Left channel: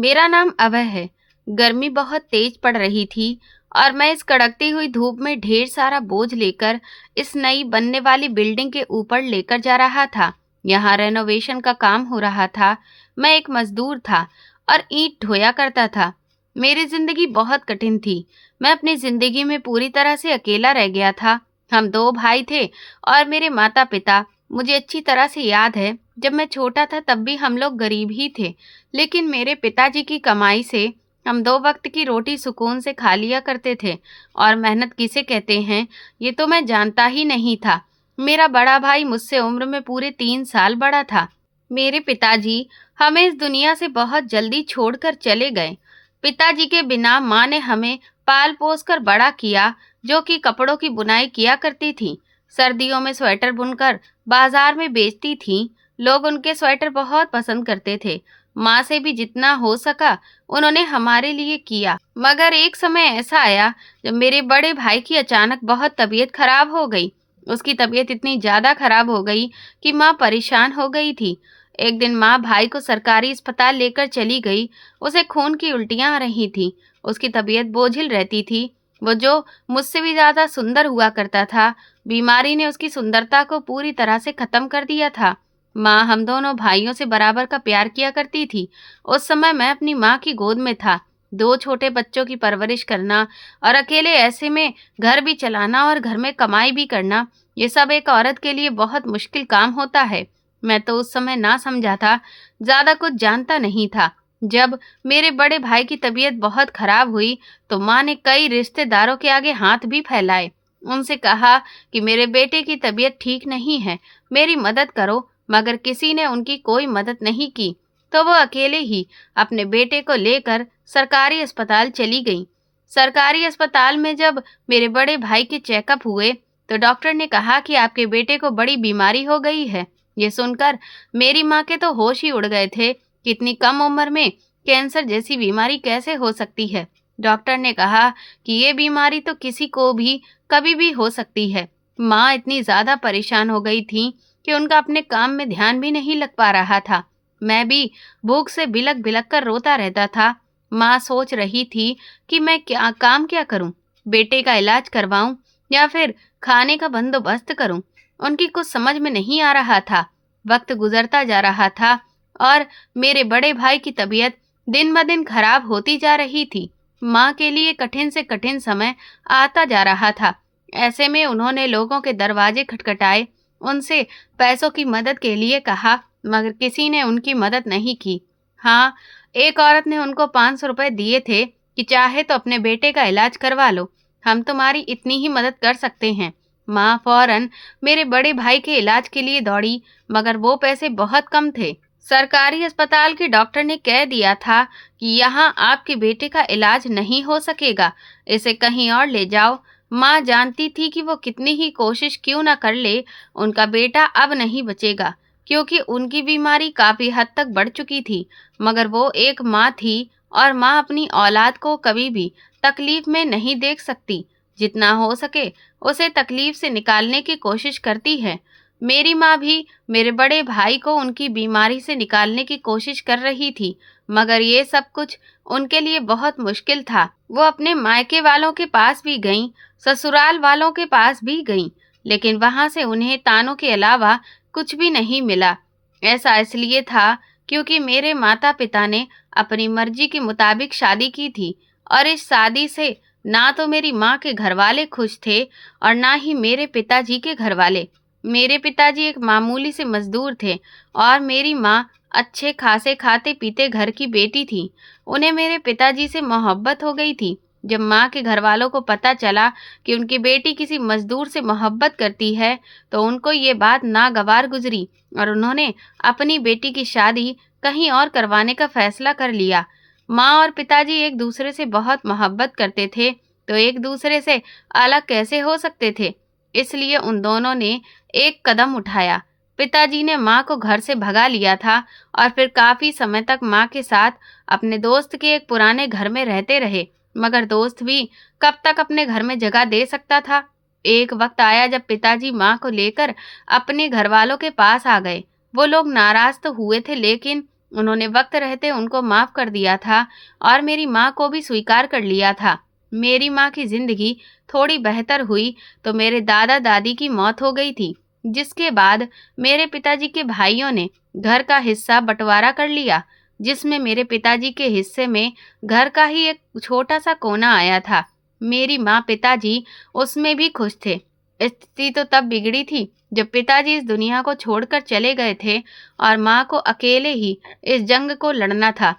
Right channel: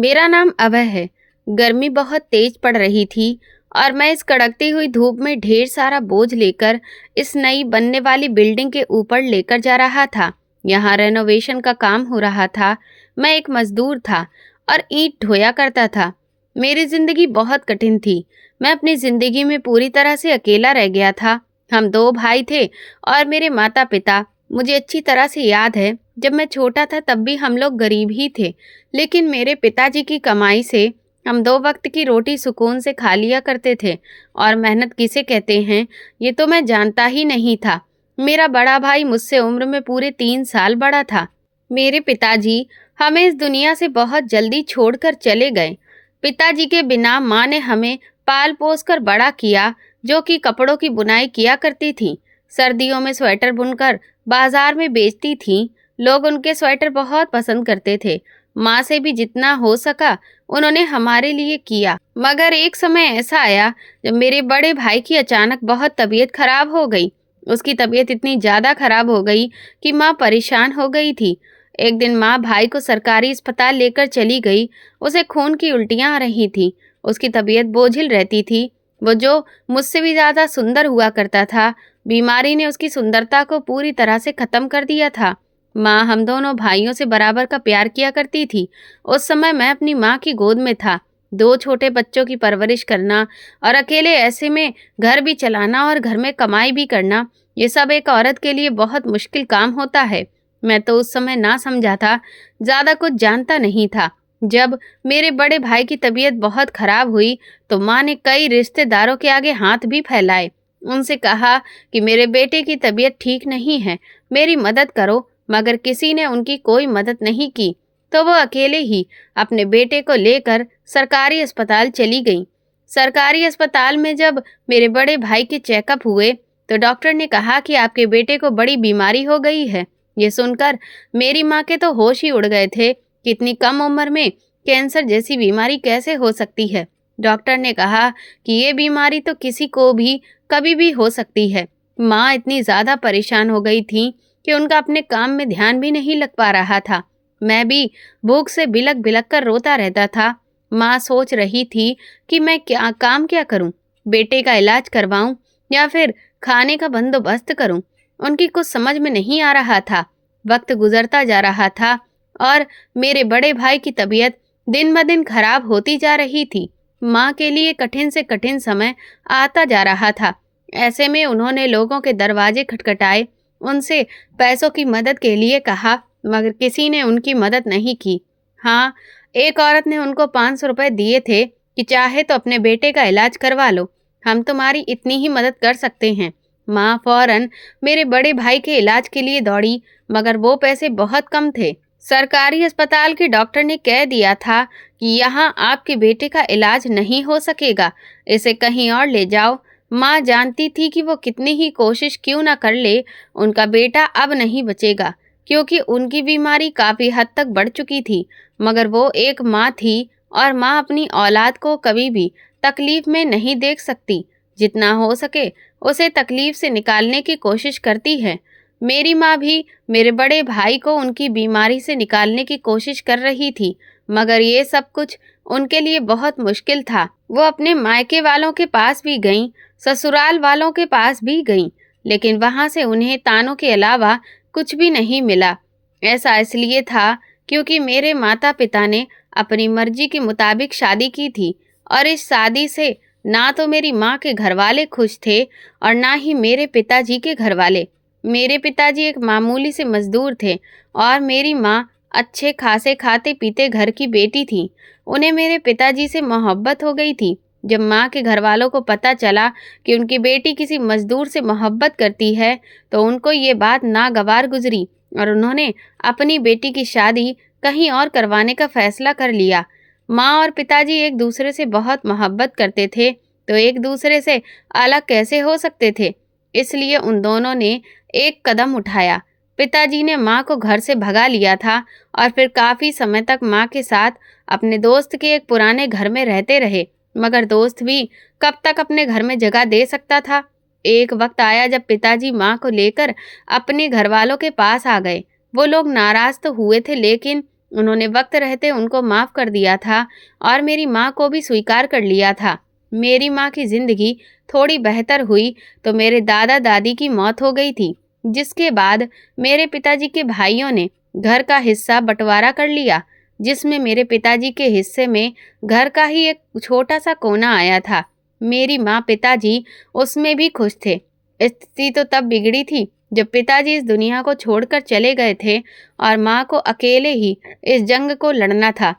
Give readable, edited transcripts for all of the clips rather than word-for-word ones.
मेरा नाम अभय है। गर्मी बहुत तेज पड़ रही थी और मैं इस कड़कती हुई धूप में ढेर सारा बोझ लेकर इस नई बनने वाली बिल्डिंग के ऊपर लेकर जा रहा था। यहाँ रेनोवेशन का काम हो रहा था। मैं एक मजदूर था और ईंट ढोया करता था। मेरी जिंदगी बहुत कठिन थी। मैं अपनी जिंदगी में पूरी तरह से अकेला रह गया था। हम दो भाई थे और मेरे माता पिता। मुझे अच्छी तरह से याद है, जब मैं छोटा था तब भी हम लोग गरीब ही थे, लेकिन मेरे पिताजी की कमाई से हम दो वक्त की रोटी सुकून से खा लिया करते थे। और मेहनत किसे कहते हैं, ये तो मैं जानता ही नहीं था। मेरा बड़ा भाई मुझसे उम्र में पूरे 3 साल बड़ा था। मेरे पिताजी हमें इस दुनिया से बहुत जल्दी छोड़कर चले गए। पिताजी के बिना माँ ने हमें पाल पोस कर बड़ा किया, जो कि कपड़ों की बुनाई किया करती थी। सर्दियों में स्वेटर बुनकर बाजार में बेचती थी। लोग उनके स्वेटर बहुत पसंद करते थे। माँ से भी जितना हो सका उन्होंने हमारे लिए किया। मगर एक समय ऐसा आया जब मेरे बड़े भाई की अचानक बहुत तबीयत खराब हो गई। उसकी तबीयत इतनी ज़्यादा खराब हो गई कि माँ परेशान हो गई थी। एक दिन माँ भाई को सरकारी अस्पताल लेकर चली गई। उसे खून की उल्टियाँ आ रही थी। उसकी तबीयत बोझिल रहती थी। वो जो मुझसे भी ज़्यादा सुंदर हुआ करता था, बीमारी ने उसकी सुंदरता को पूरी तरह से ख़त्म कर दिया था। माँ हम दोनों भाइयों से बराबर का प्यार किया करती थी। उस समय मैं अपनी माँ की गोद में था। दो छोटे बच्चों की परवरिश करना और अकेले ऐसे में घर भी चलाना और घर में कमाई भी करना, ये सब एक औरत के लिए बहुत मुश्किल काम होता है। मैं तो उस समय ना समझा था, ज़्यादा कुछ जानता नहीं था। जब मेरे बड़े भाई की तबीयत बहुत खराब हुई तो माँ ने कई रिश्तेदारों के आगे हाथ भी फैलाए। उनसे कहा कि मेरे बेटे की तबीयत ठीक नहीं है, मेरी मदद करो। मगर किसी ने उनकी कोई मदद नहीं की। तो वो अकेले ही अपने बेटे को लेकर सरकारी अस्पताल चली गई। सरकारी अस्पताल में जब मेरे बड़े भाई के चेकअप हुए तो डॉक्टर ने कहा कि आपके बेटे को बड़ी बीमारी हो गई है। ये सुनकर मेरी माँ के तो होश ही उड़ गए थे कि इतनी कम उम्र में कैंसर जैसी बीमारी कैसे हो सकती है। डॉक्टर ने कहा कि ये बीमारी तो किसी को भी कभी भी हो सकती है। माँ इतनी ज़्यादा परेशान हो गई थी कि उनका अपने काम में ध्यान भी नहीं लग पा रहा था। मैं भी भूख से बिलक बिलक कर रोता रहता था। माँ सोच रही थी कि मैं क्या करूं, बेटे का इलाज करवाऊं या फिर खाने का बंदोबस्त करूं। उनकी कुछ समझ में नहीं आ रहा था। वक्त गुजरता जा रहा था और मेरे बड़े भाई की तबीयत दिन ब दिन खराब होती जा रही थी। माँ के लिए कठिन से कठिन समय आता जा रहा था। ऐसे में उन्होंने लोगों के दरवाजे खटखटाए, उनसे पैसों की मदद के लिए कहा, मगर किसी ने उनकी मदद नहीं की। हाँ, एक औरत ने उनको 500 रुपए दिए थे कि चाहे तो अपने बेटे का इलाज करवा लो, हम तुम्हारी इतनी ही मदद कर सकते हैं। माँ फौरन मेरे बड़े भाई के इलाज के लिए दौड़ी, मगर वो पैसे बहुत कम थे। सरकारी अस्पताल के डॉक्टर ने कह दिया था कि यहाँ आपके बेटे का इलाज नहीं हो सकेगा, इसे कहीं और ले जाओ। माँ जानती थी कि वो कितनी ही कोशिश क्यों ना कर ले, उनका बेटा अब नहीं बचेगा, क्योंकि उनकी बीमारी काफ़ी हद तक बढ़ चुकी थी। मगर वो एक माँ थी और माँ अपनी औलाद को कभी भी तकलीफ में नहीं देख सकती। जितना हो सके उसे तकलीफ से निकालने की कोशिश करती है। मेरी माँ भी मेरे बड़े भाई को उनकी बीमारी से निकालने की कोशिश कर रही थी, मगर ये सब कुछ उनके लिए बहुत मुश्किल था। वो अपने मायके वालों के पास भी गईं, ससुराल वालों के पास भी गईं, लेकिन वहां से उन्हें तानों के अलावा कुछ भी नहीं मिला। ऐसा इसलिए था क्योंकि मेरे माता पिता ने अपनी मर्जी के मुताबिक शादी की थी और इस शादी से ना तो मेरी माँ के घर वाले खुश थे और ना ही मेरे पिताजी के घर वाले। मेरे पिताजी एक मामूली से मजदूर थे और मेरी माँ अच्छे खासे खाते पीते घर की बेटी थी। उन्हें मेरे पिताजी से मोहब्बत हो गई थी। जब माँ के घर वालों को पता चला कि उनकी बेटी किसी मजदूर से मोहब्बत करती है तो उनको ये बात नागवार गुजरी और उन्होंने अपनी बेटी की शादी कहीं और करवाने का फैसला कर लिया। माँ और पिताजी एक दूसरे से बहुत मोहब्बत करते थे, तो एक दूसरे से अलग कैसे हो सकते थे। इसलिए उन दोनों ने एक कदम उठाया। पिताजी ने माँ को घर से भगा लिया था और फिर काफ़ी समय तक माँ के साथ अपने दोस्त के एक पुराने घर में रहते रहे। मगर दोस्त भी कब तक अपने घर में जगह दे सकता था। एक वक्त आया जब पिताजी माँ को लेकर अपने घर वालों के पास आ गए। वो लोग नाराज तो हुए थे, लेकिन उन्होंने वक्त रहते उनको माफ़ कर दिया था और मेरी माँ को भी स्वीकार कर लिया था। मेरी माँ की ज़िंदगी थोड़ी बेहतर हुई तो मेरे दादा दादी की मौत हो गई थी, जिसके बाद मेरे पिताजी के भाइयों ने घर का हिस्सा बंटवारा कर लिया, जिसमें मेरे पिताजी के हिस्से में घर का ही एक छोटा सा कोना आया था। मेरी माँ पिताजी उसमें भी खुश थे। स्थिति तो तब बिगड़ी थी जब पिताजी इस दुनिया को छोड़कर चले गए थे और माँ को अकेले ही इस जंग को लड़ना था।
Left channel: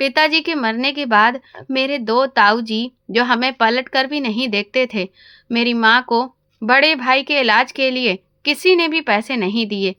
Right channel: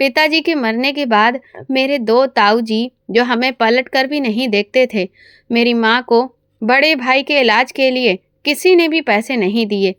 पिताजी के मरने के बाद मेरे दो ताऊ जी, जो हमें पलट कर भी नहीं देखते थे, मेरी माँ को बड़े भाई के इलाज के लिए किसी ने भी पैसे नहीं दिए।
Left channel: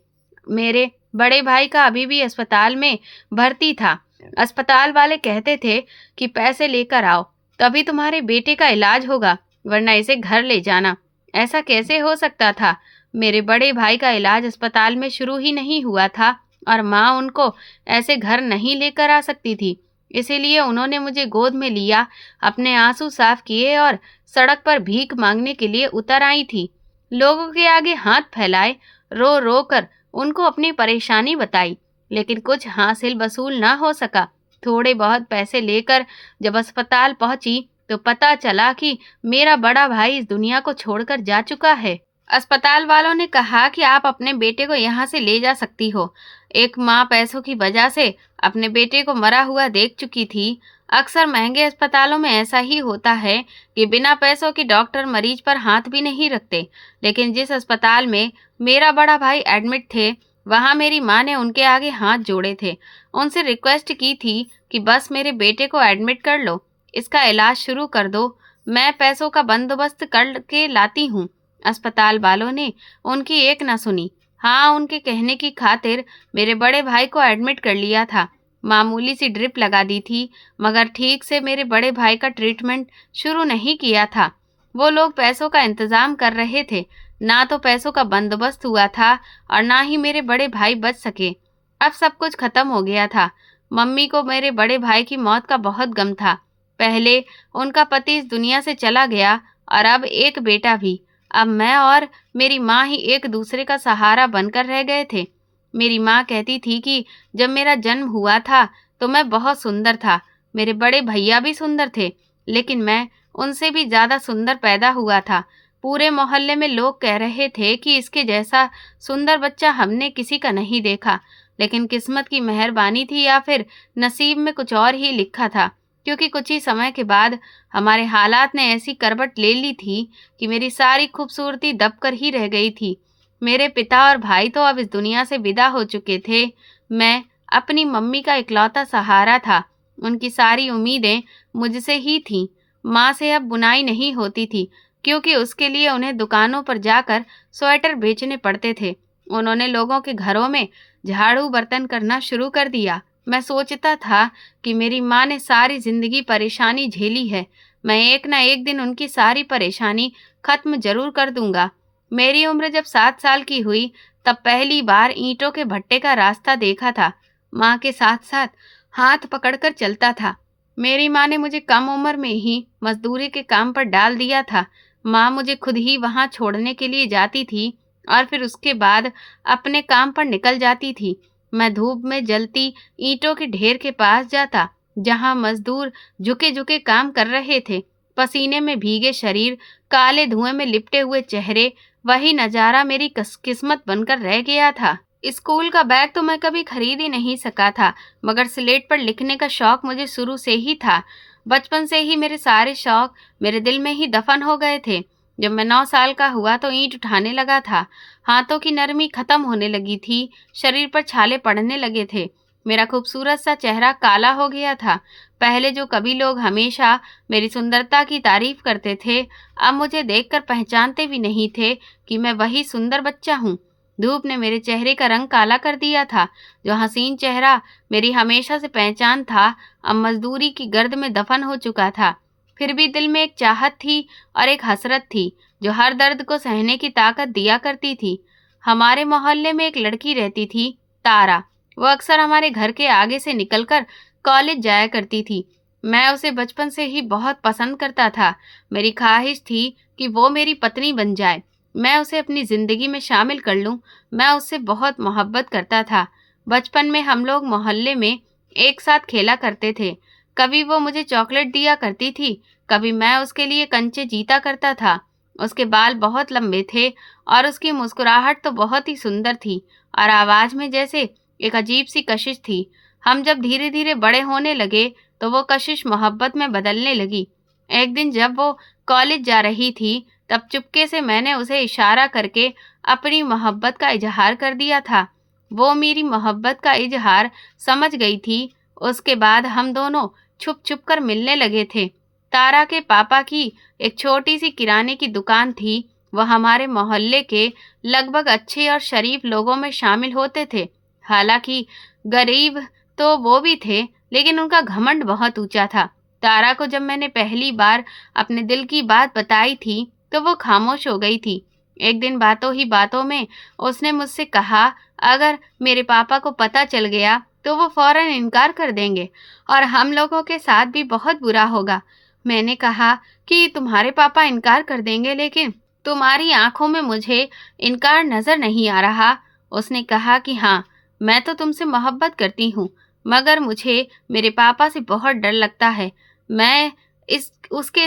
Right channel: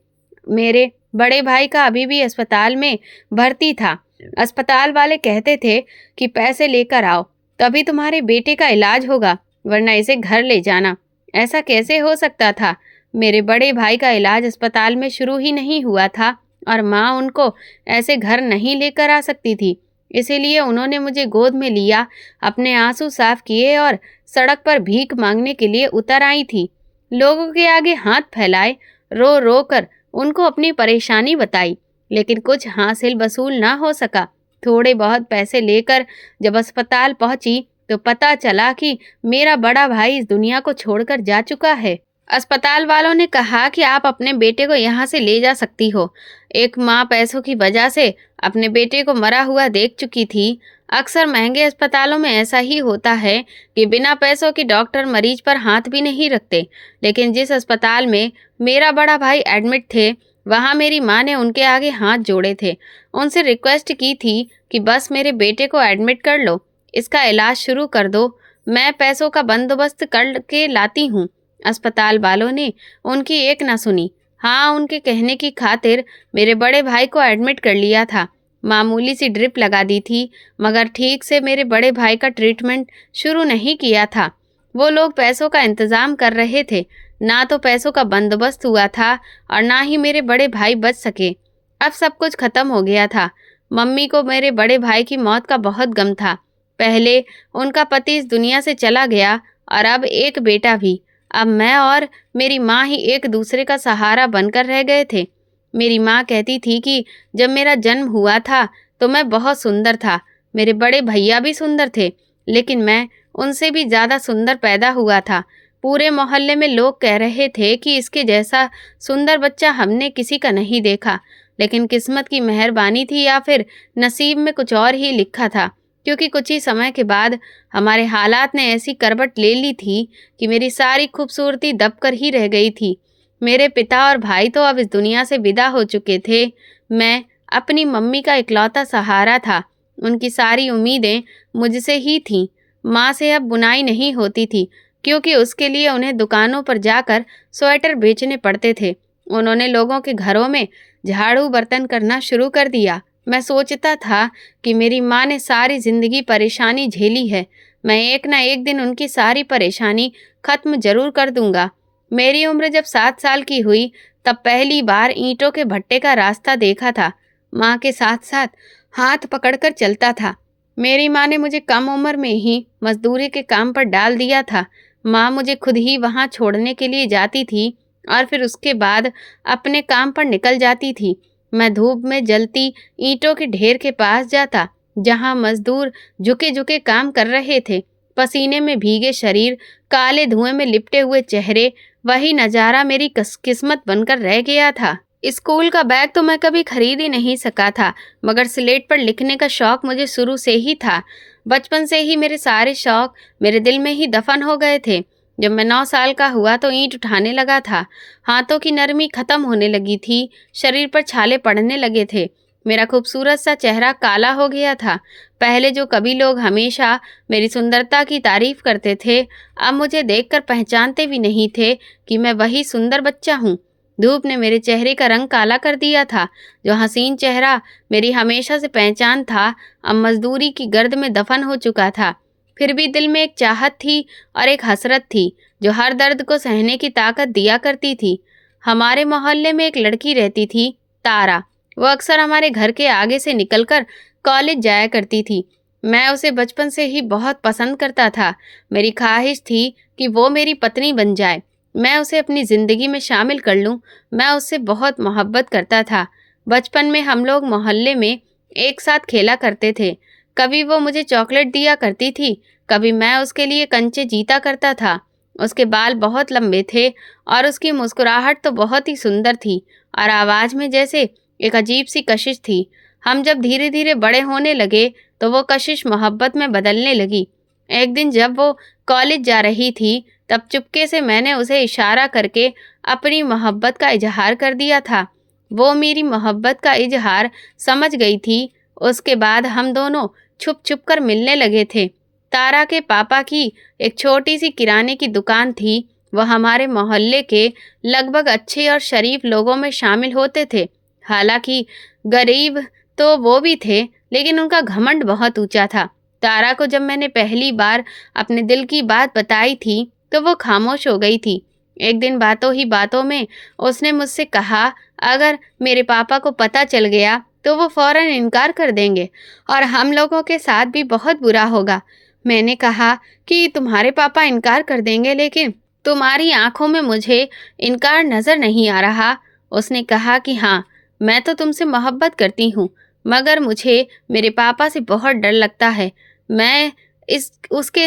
मेरे बड़े भाई का अभी भी अस्पताल में भर्ती था। अस्पताल वाले कहते थे कि पैसे लेकर आओ, तभी तुम्हारे बेटे का इलाज होगा, वरना इसे घर ले जाना। ऐसा कैसे हो सकता था? मेरे बड़े भाई का इलाज अस्पताल में शुरू ही नहीं हुआ था और माँ उनको ऐसे घर नहीं लेकर आ सकती थी। इसीलिए उन्होंने मुझे गोद में लिया, अपने आंसू साफ किए और सड़क पर भीख मांगने के लिए उतर आई थी। लोगों के आगे हाथ फैलाए, रो रो कर उनको अपनी परेशानी बताई, लेकिन कुछ हासिल वसूल ना हो सका। थोड़े बहुत पैसे लेकर जब अस्पताल पहुंची तो पता चला कि मेरा बड़ा भाई इस दुनिया को छोड़कर जा चुका है। अस्पताल वालों ने कहा कि आप अपने बेटे को यहाँ से ले जा सकती हो। एक माँ पैसों की वजह से अपने बेटे को मरा हुआ देख चुकी थी। अक्सर महंगे अस्पतालों में ऐसा ही होता है कि बिना पैसों के डॉक्टर मरीज पर हाथ भी नहीं रखते। लेकिन जिस अस्पताल में मेरा बड़ा भाई एडमिट थे, वहाँ मेरी माँ ने उनके आगे हाथ जोड़े थे। उनसे रिक्वेस्ट की थी कि बस मेरे बेटे को एडमिट कर लो, इसका इलाज शुरू कर दो, मैं पैसों का बंदोबस्त कर के लाती हूँ। अस्पताल वालों ने उनकी एक न सुनी। हाँ, उनके कहने की खातिर मेरे बड़े भाई को एडमिट कर लिया था। मामूली सी ड्रिप लगा दी थी, मगर ठीक से मेरे बड़े भाई का ट्रीटमेंट शुरू नहीं किया था। वो लोग पैसों का इंतज़ाम कर रहे थे। ना तो पैसों का बंदोबस्त हुआ था और ना ही मेरे बड़े भाई बच सके। अब सब कुछ खत्म हो गया था। मम्मी को मेरे बड़े भाई की मौत का बहुत गम था। पहले उनका पति इस दुनिया से चला गया और अब एक बेटा भी। अब मैं और मेरी माँ ही एक दूसरे का सहारा बनकर रह गए थे। मेरी माँ कहती थी कि जब मेरा जन्म हुआ था तो मैं बहुत सुंदर था। मेरे बड़े भैया भी सुंदर थे, लेकिन मैं उनसे भी ज़्यादा सुंदर पैदा हुआ था। पूरे मोहल्ले में लोग कह रहे थे कि इसके जैसा सुंदर बच्चा हमने किसी का नहीं देखा। लेकिन किस्मत की मेहरबानी थी या फिर नसीब में कुछ और ही लिखा था, क्योंकि कुछ ही समय के बाद हमारे हालात ने ऐसी करवट ले ली थी कि मेरी सारी खूबसूरती दबकर ही रह गई थी। मेरे पिता और भाई तो अब इस दुनिया से विदा हो चुके थे। मैं अपनी मम्मी का इकलौता सहारा था। उनकी सारी उम्मीदें मुझसे ही थीं। माँ से अब बुनाई नहीं होती थी, क्योंकि उसके लिए उन्हें दुकानों पर जाकर स्वेटर बेचने पड़ते थे। उन्होंने लोगों के घरों में झाड़ू बर्तन करना शुरू कर दिया। मैं सोचता था कि मेरी माँ ने सारी जिंदगी परेशानी झेली है, मैं एक ना एक दिन उनकी सारी परेशानी खत्म जरूर कर दूंगा। मेरी उम्र जब 7 साल की हुई तब पहली बार ईंटों के भट्टे का रास्ता देखा था। माँ के साथ साथ हाथ पकड़कर चलता था। मेरी माँ ने मुझे कम उम्र में ही मजदूरी के काम पर डाल दिया था। माँ मुझे खुद ही वहाँ छोड़ने के लिए जाती थी और फिर उसके बाद अपने काम पर निकल जाती थी। मैं धूप में जलती ईंटों के ढेर के पास जाता, जहाँ मजदूर झुके झुके काम कर रहे थे। पसीने में भीगे शरीर, काले धुएं में लिपटे हुए चेहरे, वही नज़ारा मेरी किस्मत बनकर रह गया था। स्कूल का बैग तो मैं कभी खरीद ही नहीं सका था, मगर स्लेट पर लिखने का शौक मुझे शुरू से ही था। बचपन से ही मेरे सारे शौक मेरे दिल में ही दफन हो गए थे। जब मैं 9 साल का हुआ तो ईंट उठाने लगा था। हाथों की नरमी खत्म होने लगी थी, शरीर पर छाले पड़ने लगे थे। मेरा खूबसूरत सा चेहरा काला हो गया था। पहले जो कभी लोग हमेशा मेरी सुंदरता की तारीफ करते थे, अब मुझे देखकर पहचानते भी नहीं थे कि मैं वही सुंदर बच्चा हूँ। धूप ने मेरे चेहरे का रंग काला कर दिया था। जो हसीन चेहरा मेरी हमेशा से पहचान था, अब मजदूरी की गर्द में दफन हो चुका था। फिर भी दिल में एक चाहत थी और एक हसरत थी, जो हर दर्द को सहने की ताकत दिया करती थी। हमारे मोहल्ले में एक लड़की रहती थी, तारा। वो अक्सर हमारे घर के आगे से निकलकर कॉलेज जाया करती थी। मैं उसे बचपन से ही बहुत पसंद करता था। मेरी ख्वाहिश थी कि वो मेरी पत्नी बन जाए, मैं उसे अपनी ज़िंदगी में शामिल कर लूं। मैं उससे बहुत मोहब्बत करता था। बचपन में हम लोग मोहल्ले में एक साथ खेला करते थे। कभी वो मुझे चॉकलेट दिया करती थी, कभी मैं उसके लिए कंचे जीता करता था। उसके बाल बहुत लंबे थे और उसकी मुस्कुराहट तो बहुत ही सुंदर थी और आवाज़ में जैसे एक अजीब सी कशिश थी। हम जब धीरे धीरे बड़े होने लगे तो वो कशिश मोहब्बत में बदलने लगी। एक दिन जब वो कॉलेज जा रही थी तब चुपके से मैंने उसे इशारा करके अपनी मोहब्बत का इजहार कर दिया था। वो मेरी मोहब्बत का इजहार समझ गई थी। उसके बाद हम दोनों छुप छुप कर मिलने लगे थे। तारा के पापा की एक छोटी सी किराने की दुकान थी। वह हमारे मोहल्ले के लगभग अच्छे और शरीफ लोगों में शामिल होते थे। हालांकि गरीब तो वो भी थे, लेकिन उनका घमंड बहुत ऊंचा था। तारा को जब मैंने पहली बार अपने दिल की बात बताई थी तो वो खामोश हो गई थी। एक दिन बातों ही बातों में उसने मुझसे कहा, अगर मेरे पापा को पता चल गया तो वो फौरन इनकार कर देंगे और हम लोगों के साथ भी बहुत बुरा होगा। मैंने कहा कि तुम्हारे पापा इनकार कर देंगे, लेकिन तुम्हारी आंखों में मुझे इनकार नजर नहीं आ रहा। उसने कहा कि हाँ, मैं तो तुमसे मोहब्बत करती हूँ, मगर मुझे मेरे पापा से बहुत डर लगता है। मैं इस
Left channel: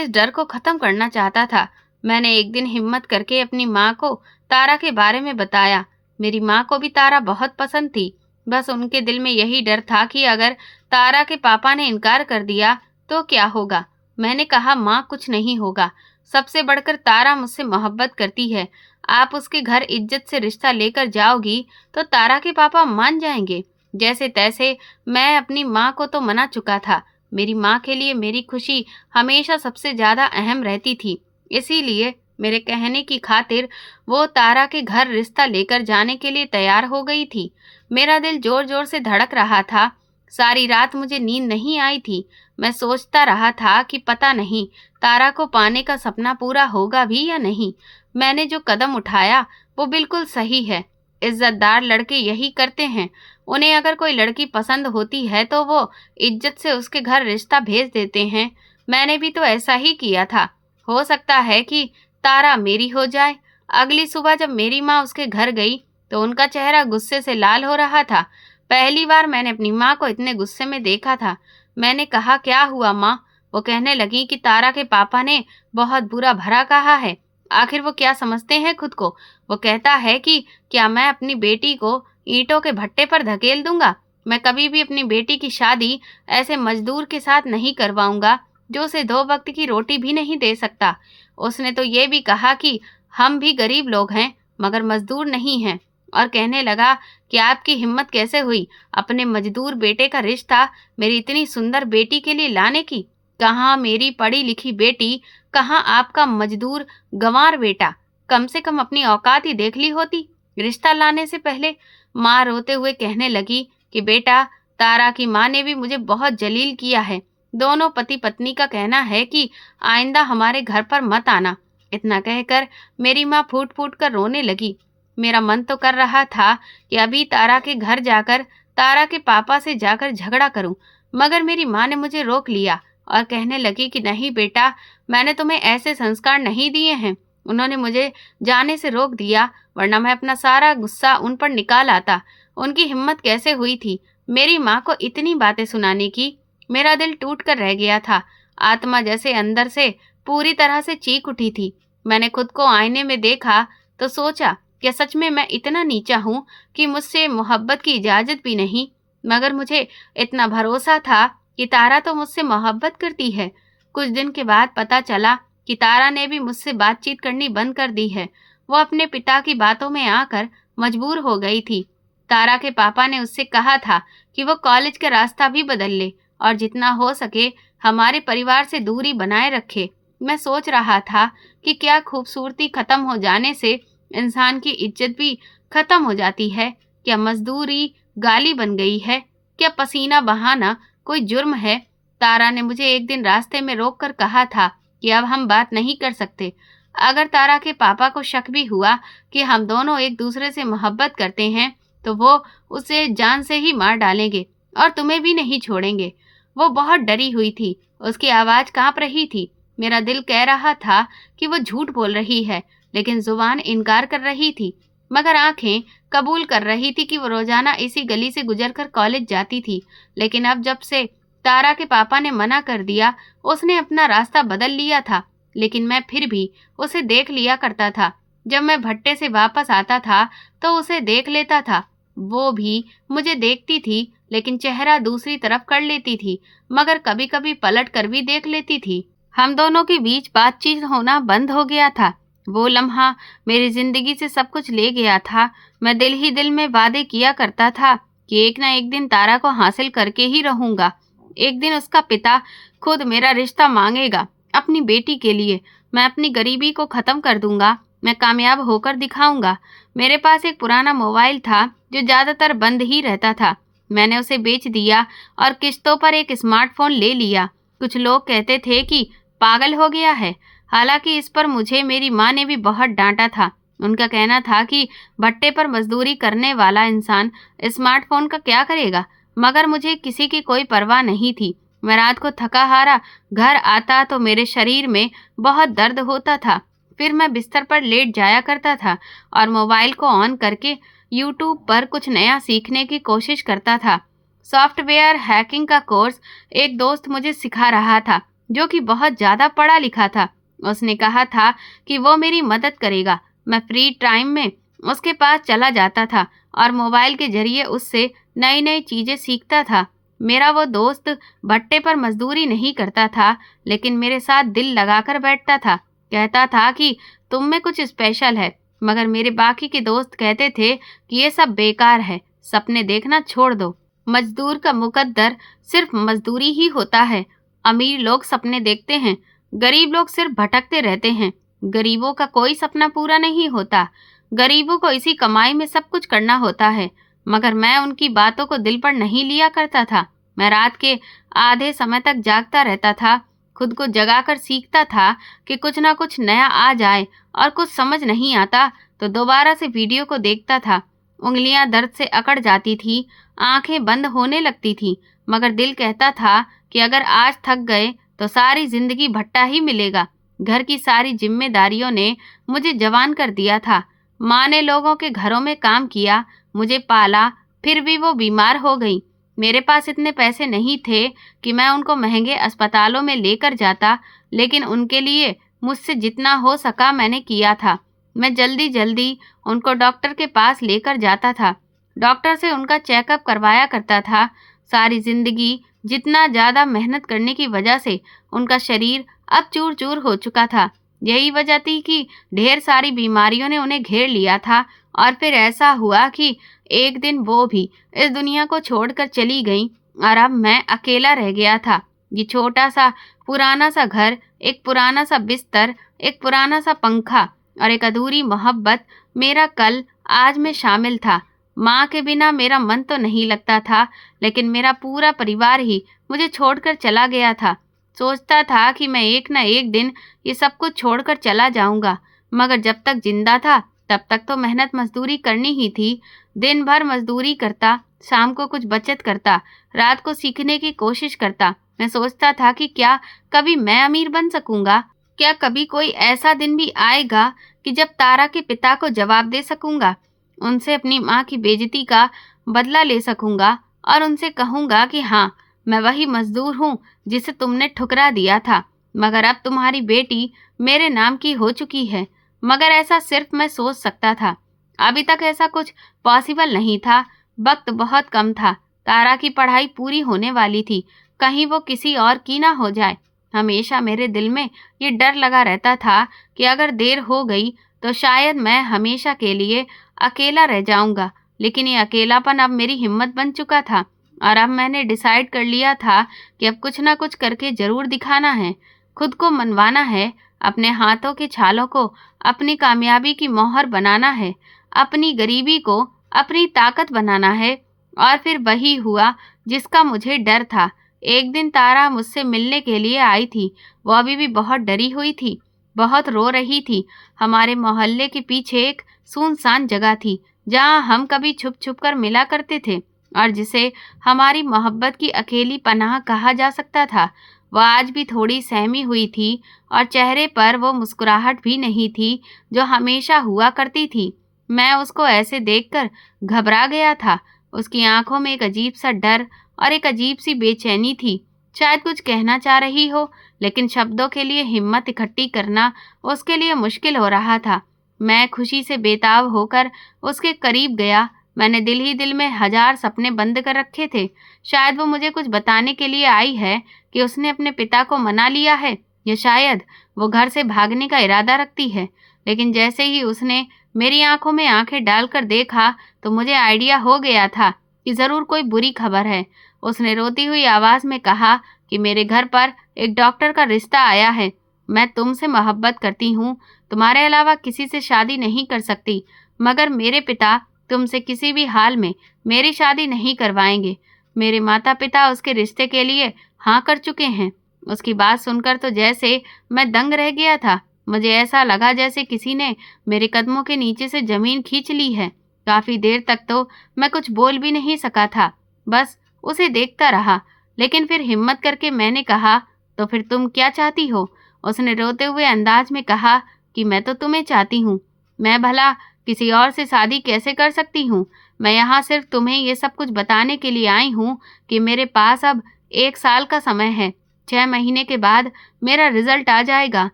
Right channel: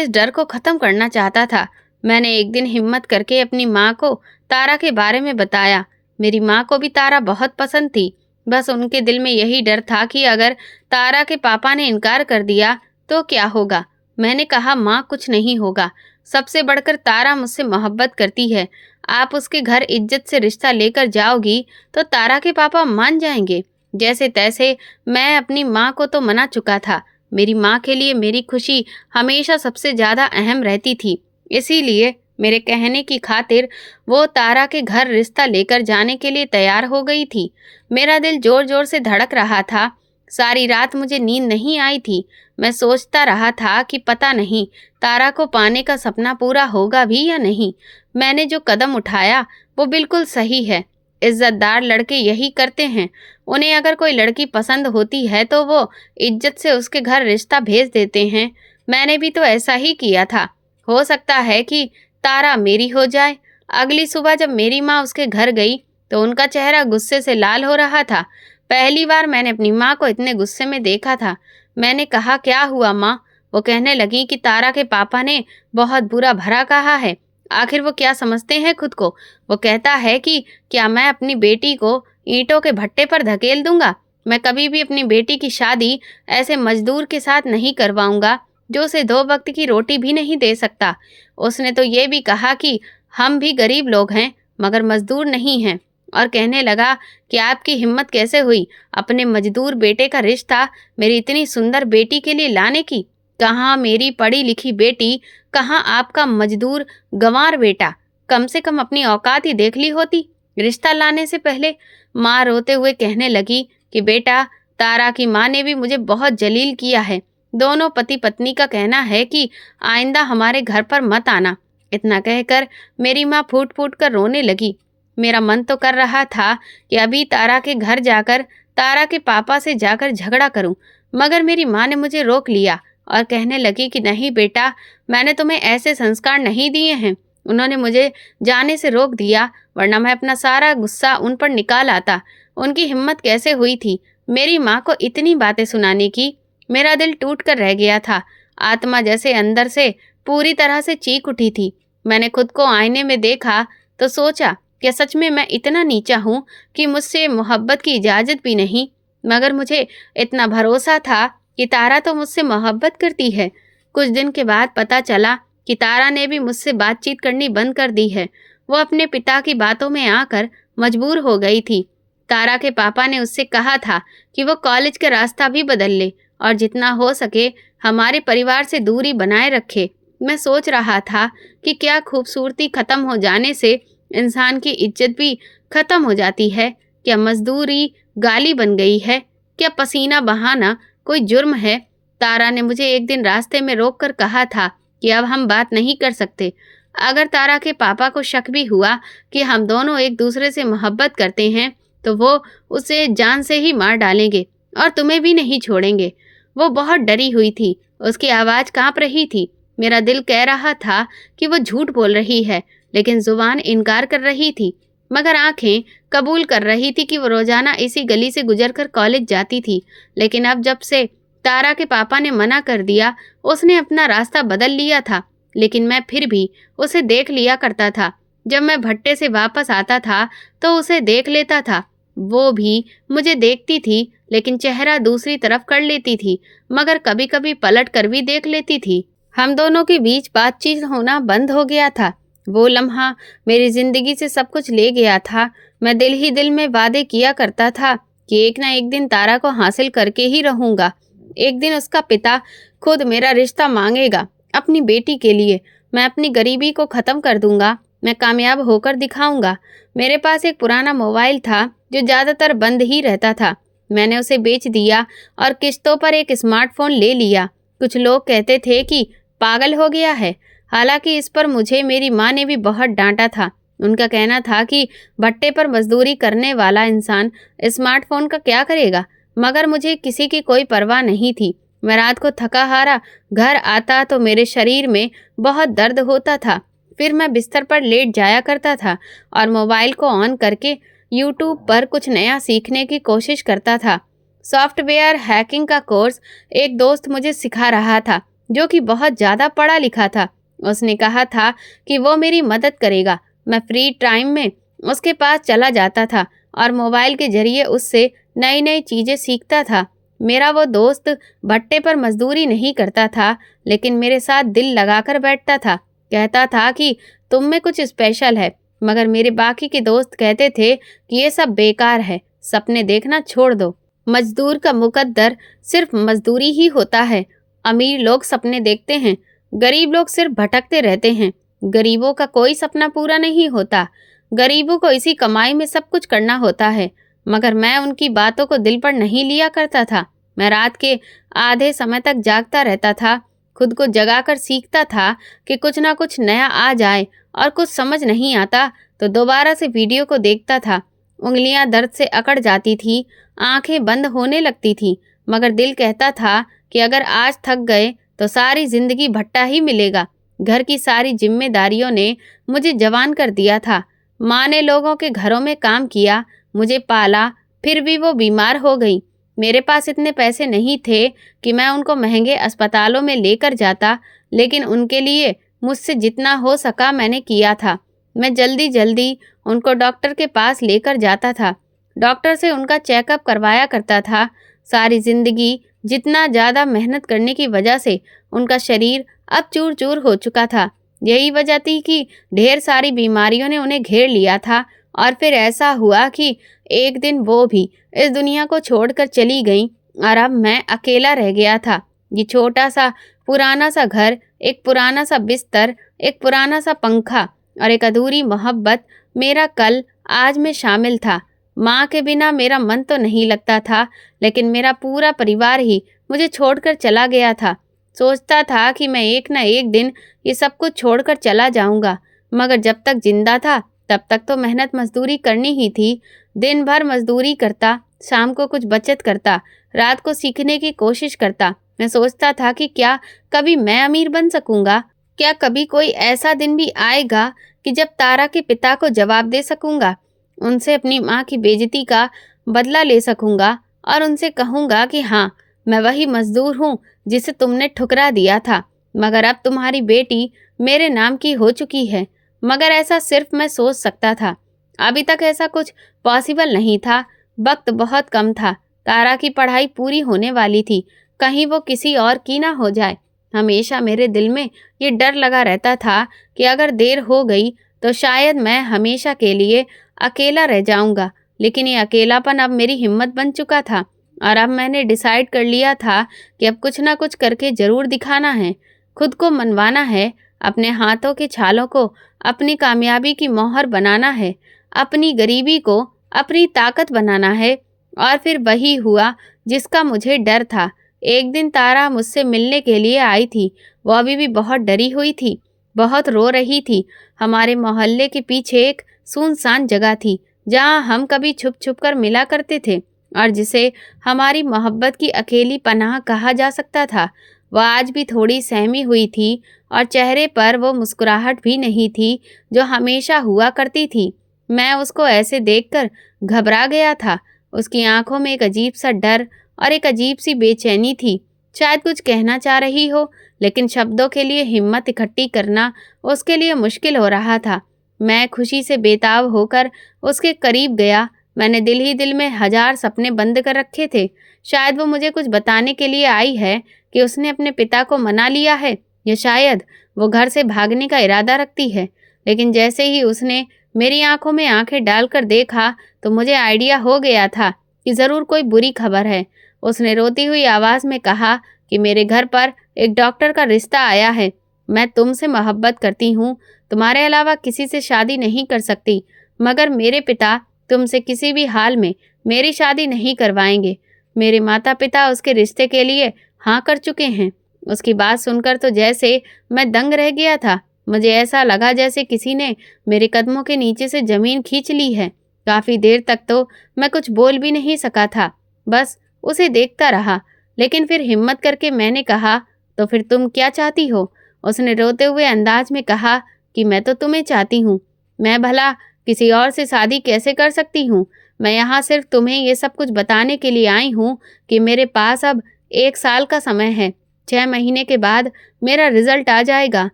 डर को ख़त्म करना चाहता था। मैंने एक दिन हिम्मत करके अपनी माँ को तारा के बारे में बताया। मेरी माँ को भी तारा बहुत पसंद थी। बस उनके दिल में यही डर था कि अगर तारा के पापा ने इनकार कर दिया तो क्या होगा। मैंने कहा, माँ, कुछ नहीं होगा। सबसे बढ़कर तारा मुझसे मोहब्बत करती है। आप उसके घर इज्जत से रिश्ता लेकर जाओगी तो तारा के पापा मान जाएंगे। जैसे तैसे मैं अपनी माँ को तो मना चुका था। मेरी माँ के लिए मेरी खुशी हमेशा सबसे ज़्यादा अहम रहती थी। इसीलिए मेरे कहने की खातिर वो तारा के घर रिश्ता लेकर जाने के लिए तैयार हो गई थी। मेरा दिल जोर जोर से धड़क रहा था। सारी रात मुझे नींद नहीं आई थी। मैं सोचता रहा था कि पता नहीं तारा को पाने का सपना पूरा होगा भी या नहीं। मैंने जो कदम उठाया वो बिल्कुल सही है। इज्जतदार लड़के यही करते हैं। उन्हें अगर कोई लड़की पसंद होती है तो वो इज्जत से उसके घर रिश्ता भेज देते हैं। मैंने भी तो ऐसा ही किया था। हो सकता है कि तारा मेरी हो जाए। अगली सुबह जब मेरी माँ उसके घर गई तो उनका चेहरा गुस्से से लाल हो रहा था। पहली बार मैंने अपनी माँ को इतने गुस्से में देखा था। मैंने कहा, क्या हुआ माँ? वो कहने लगी कि तारा के पापा ने बहुत बुरा भला कहा है। आखिर वो क्या समझते हैं खुद को? वो कहता है कि क्या मैं अपनी बेटी को ईंटों के भट्टे पर धकेल दूंगा? मैं कभी भी अपनी बेटी की शादी ऐसे मजदूर के साथ नहीं करवाऊंगा जो उसे 2 वक्त की रोटी भी नहीं दे सकता। उसने तो ये भी कहा कि हम भी गरीब लोग हैं मगर मजदूर नहीं हैं, और कहने लगा कि आपकी हिम्मत कैसे हुई अपने मजदूर बेटे का रिश्ता मेरी इतनी सुंदर बेटी के लिए लाने की? कहाँ मेरी पढ़ी लिखी बेटी, कहाँ आपका मजदूर गंवार बेटा? कम से कम अपनी औकात ही देख ली होती रिश्ता लाने से पहले। माँ रोते हुए कहने लगी कि बेटा, तारा की माँ ने भी मुझे बहुत जलील किया है। दोनों पति पत्नी का कहना है कि आइंदा हमारे घर पर मत आना। इतना कहकर मेरी माँ फूट फूट कर रोने लगी। मेरा मन तो कर रहा था कि अभी तारा के घर जाकर तारा के पापा से जाकर झगड़ा करूं, मगर मेरी माँ ने मुझे रोक लिया और कहने लगी कि नहीं बेटा, मैंने तुम्हें ऐसे संस्कार नहीं दिए हैं। उन्होंने मुझे जाने से रोक दिया, वरना मैं अपना सारा गुस्सा उन पर निकाल आता। उनकी हिम्मत कैसे हुई थी मेरी माँ को इतनी बातें सुनाने की? मेरा दिल टूट कर रह गया था। आत्मा जैसे अंदर से पूरी तरह से चीख उठी थी। मैंने खुद को आईने में देखा तो सोचा, क्या सच में मैं इतना नीचा हूँ कि मुझसे मोहब्बत की इजाज़त भी नहीं? मगर मुझे इतना भरोसा था कि तारा तो मुझसे मोहब्बत करती है। कुछ दिन के बाद पता चला कि तारा ने भी मुझसे बातचीत करनी बंद कर दी है। वो अपने पिता की बातों में आकर मजबूर हो गई थी। तारा के पापा ने उससे कहा था कि वो कॉलेज का रास्ता भी बदल ले और जितना हो सके हमारे परिवार से दूरी बनाए रखे। मैं सोच रहा था कि क्या खूबसूरती खत्म हो जाने से इंसान की इज्जत भी खत्म हो जाती है? क्या मजदूरी गाली बन गई है? क्या पसीना बहाना कोई जुर्म है? तारा ने मुझे एक दिन रास्ते में रोक कर कहा था कि अब हम बात नहीं कर सकते। अगर तारा के पापा को शक भी हुआ कि हम दोनों एक दूसरे से मोहब्बत करते हैं तो वो उसे जान से ही मार डालेंगे और तुम्हें भी नहीं छोड़ेंगे। वो बहुत डरी हुई थी। उसकी आवाज़ कांप रही थी। मेरा दिल कह रहा था कि वो झूठ बोल रही है, लेकिन जुबान इनकार कर रही थी। मगर आंखें कबूल कर रही थी कि वो रोजाना इसी गली से गुजरकर कॉलेज जाती थी। लेकिन अब जब से तारा के पापा ने मना कर दिया, उसने अपना रास्ता बदल लिया था। लेकिन मैं फिर भी उसे देख लिया करता था। जब मैं भट्टे से वापस आता था तो उसे देख लेता था। वो भी मुझे देखती थी, लेकिन चेहरा दूसरी तरफ कर लेती थी, मगर कभी कभी पलट कर भी देख लेती थी। हम दोनों के बीच बातचीत होना बंद हो गया था। वो लम्हा मेरी जिंदगी से सब कुछ ले गया था। मैं दिल ही दिल में वादे किया करता था कि एक ना एक दिन तारा को हासिल करके ही रहूंगा। एक दिन उसका पिता खुद मेरा रिश्ता मांगेगा अपनी बेटी के लिए। मैं अपनी गरीबी को ख़त्म कर दूंगा। मैं कामयाब होकर दिखाऊंगा। मेरे पास एक पुराना मोबाइल था जो ज़्यादातर बंद ही रहता था। मैंने उसे बेच दिया और किस्तों पर एक स्मार्टफोन ले लिया। कुछ लोग कहते थे कि पागल हो गया है। हालांकि इस पर मुझे मेरी माँ ने भी बहुत डांटा था। उनका कहना था कि भट्टे पर मजदूरी करने वाला इंसान स्मार्टफोन का क्या करेगा। मगर मुझे किसी की कोई परवाह नहीं थी। मैं रात को थका हारा घर आता तो मेरे शरीर में बहुत दर्द होता था। फिर मैं बिस्तर पर लेट जाया करता था और मोबाइल को ऑन करके यूट्यूब पर कुछ नया सीखने की कोशिश करता था। सॉफ्टवेयर हैकिंग का कोर्स एक दोस्त मुझे सिखा रहा था, जो कि बहुत ज़्यादा पढ़ा लिखा था। उसने कहा था कि वो मेरी मदद करेगा। मैं फ्री टाइम में उसके पास चला जाता था और मोबाइल के जरिए उससे नई नई चीज़ें सीखता था। मेरा वो दोस्त भट्टे पर मजदूरी नहीं करता था, लेकिन मेरे साथ दिल लगाकर बैठता था। कहता था कि तुम में कुछ स्पेशल है। मगर मेरे बाकी के दोस्त कहते थे कि ये सब बेकार है, सपने देखना छोड़ दो। मजदूर का मुकद्दर सिर्फ मजदूरी ही होता है। अमीर लोग सपने देखते हैं, गरीब लोग सिर्फ भटकते रहते हैं। गरीबों का कोई सपना पूरा नहीं होता। गरीबों को इसी कमाई में सब कुछ करना होता है। मगर मैं उनकी बातों को दिल पर नहीं लिया करता था। मैं रात के आधे समय तक जागता रहता था, खुद को जगाकर सीखता था कि कुछ ना कुछ नया आ जाए, और कुछ समझ नहीं आता तो दोबारा से वीडियो को देखता था। उंगलियां दर्द से अकड़ जाती थी, आंखें बंद होने लगती थी, मगर दिल कहता था कि अगर आज थक गए तो सारी जिंदगी भट्टा ही मिलेगा। घर की सारी जिम्मेदारियों ने मुझे जवान कर दिया था। माँ ने लोगों के घरों में काम किया, मुझे पाला, फिर भी वो बीमार हो गई। मेरे पास इतने पैसे नहीं थे कि मैं उनको महंगे अस्पतालों में लेकर जाता, लेकिन उनके लिए मुझसे जितना हो सका मैंने किया था। मैं जल्दी जल्दी उनको डॉक्टर के पास लेकर जाता था। डॉक्टर से उनका चेकअप करवाया करता था। सारी जिंदगी जितना ज़्यादा मेहनत करने की वजह से उनका शरीर अब चूर चूर हो चुका था। यही वजह थी कि ढेर सारी बीमारियों ने उन्हें घेर लिया था। और फिर ऐसा हुआ कि एक दिन वो भी इस दुनिया को छोड़कर चली गई और अब मैं अकेला रह गया था। ये छोटा सा पुराना सा घर, एक पुराना सा बिस्तर, एक पुराना सा पंखा और एक अधूरी मोहब्बत मेरा कल आज में शामिल था। माँ के बिना मेरा मन तो नहीं लगता था, लेकिन मेरा पूरा परिवार ही मुझे छोड़कर चला गया था। सोचता था कि मैं एक ना एक दिन ये सब कुछ छोड़कर चला जाऊंगा, मगर जब तक जिंदा था तब तक तो मेहनत मजदूरी करनी ही थी। दिन भर मजदूरी करता, शाम को कुछ बचत करता, रात को सीखने की कोशिश करता। मैं सोचता था कि क्या कभी मैं अमीर बन सकूंगा? क्या कभी कोई ऐसा दिन भी आएगा कि जब तारा के पिता को जवाब दे सकूंगा, उनसे अपनी माँ की बेइज्जती का बदला ले सकूंगा और उनसे कहूंगा कि हाँ, मैं वही मजदूर हूँ जिसे तुमने ठुकरा दिया था, मगर अब तुम्हारी बेटी मेरे नाम की हो चुकी है। मगर ऐसा सिर्फ मैं सोच सकता था। अभी तक ऐसा कुछ पॉसिबल नहीं था। वक्त बहुत कम था। तारा की पढ़ाई पूरी होने वाली थी, कहीं वो किसी और की ना हो जाए। हमेशा मेरे दिल में ये डर लगा रहता था कि अगर देर हो गई तो शायद मैं हमेशा के लिए अकेला रह जाऊंगा। लेकिन ये अकेलापन अब मेरी हिम्मत बन चुका था और अब मैंने डिसाइड कर लिया था कि अब कुछ ना कुछ करके ज़रूर दिखाना है, खुद को मनवाना है, अपने हाथों के छालों को अपनी कामयाबी की मोहर बनाना है, अपनी गरीबी को अपनी ताकत बनाना है। और फिर वही हुआ जिसका मुझे डर था। एक दिन तारा मुझसे मिलने के लिए आई थी। वो अभी भी बहुत डरी हुई थी, बहुत रो रही थी। हमारे मोहल्ले के पीछे एक सुनसान जगह थी जहाँ हम कभी छुप छुप कर मिला करते थे और जिसे हमारी मोहब्बत की अकेली पनाह कहा जा सकता था। वह आज भी थोड़ी सहमी हुई थी और चेहरे पर वो मुस्कुराहट भी नहीं थी जो हमेशा हुआ करती थी। मैं उसको ऐसे देखकर घबरा गया था। उसकी आंखों में एक अजीब सा डर और एक अजीब सी बेचैनी थी। शायद कुछ कहना चाह रही हो, लेकिन शब्दों के लिए हिम्मत इकट्ठी करना उसके लिए मुश्किल हो रहा था। मैं खुशी से बेताब होकर उसके करीब गया। मैंने दिल ही दिल में हजार सपने बंद कर रखे थे। शायद वो मुझे कुछ बताने के लिए आई है कि उसने अपने पिता को मना लिया है, या शायद वो घर से भागने का इरादा रखती है। लेकिन जैसे ही उसने मेरी आंखों में आंखें डालकर देखा तो मुझे आइडिया हो गया था कि ज़रूर कोई बुरी खबर है। उसने रोती हुई आवाज़ में कहा कि मेरे घर पर एक डॉक्टर का रिश्ता आया है। मैं तुमसे मोहब्बत करती हूँ, तुम्हारे अलावा किसी से शादी नहीं कर सकती, मगर मेरे पिता तुमसे किसी भी हाल में मेरी शादी नहीं करवाएंगे। मेरे माता पिता उसके रिश्ते के लिए हाँ कर चुके हैं। उसकी बात सुनकर तो जैसे मैं दंग रह गया था। मुझे ऐसा लगा जैसे किसी ने मेरे कदमों के नीचे से ज़मीन खींच ली है। काफ़ी देर तक तो मैं कुछ बोल भी नहीं सका था, बस उसे देखता रहा। लेकिन फिर हिम्मत करके मैंने कहा, तो फिर तुम क्या चाहती हो? उसने रोते हुए अंदाज में कहा कि मैं तो तुम्हें चाहती हूँ। मैं भला किसी और से शादी कैसे कर सकती हूँ? मैं यहाँ सिर्फ तुम्हें ये सब कुछ बताने के लिए आई हूँ कि मेरे पास अब 1 साल का समय है। 6 महीने के बाद मेरा रिजल्ट आ जाएगा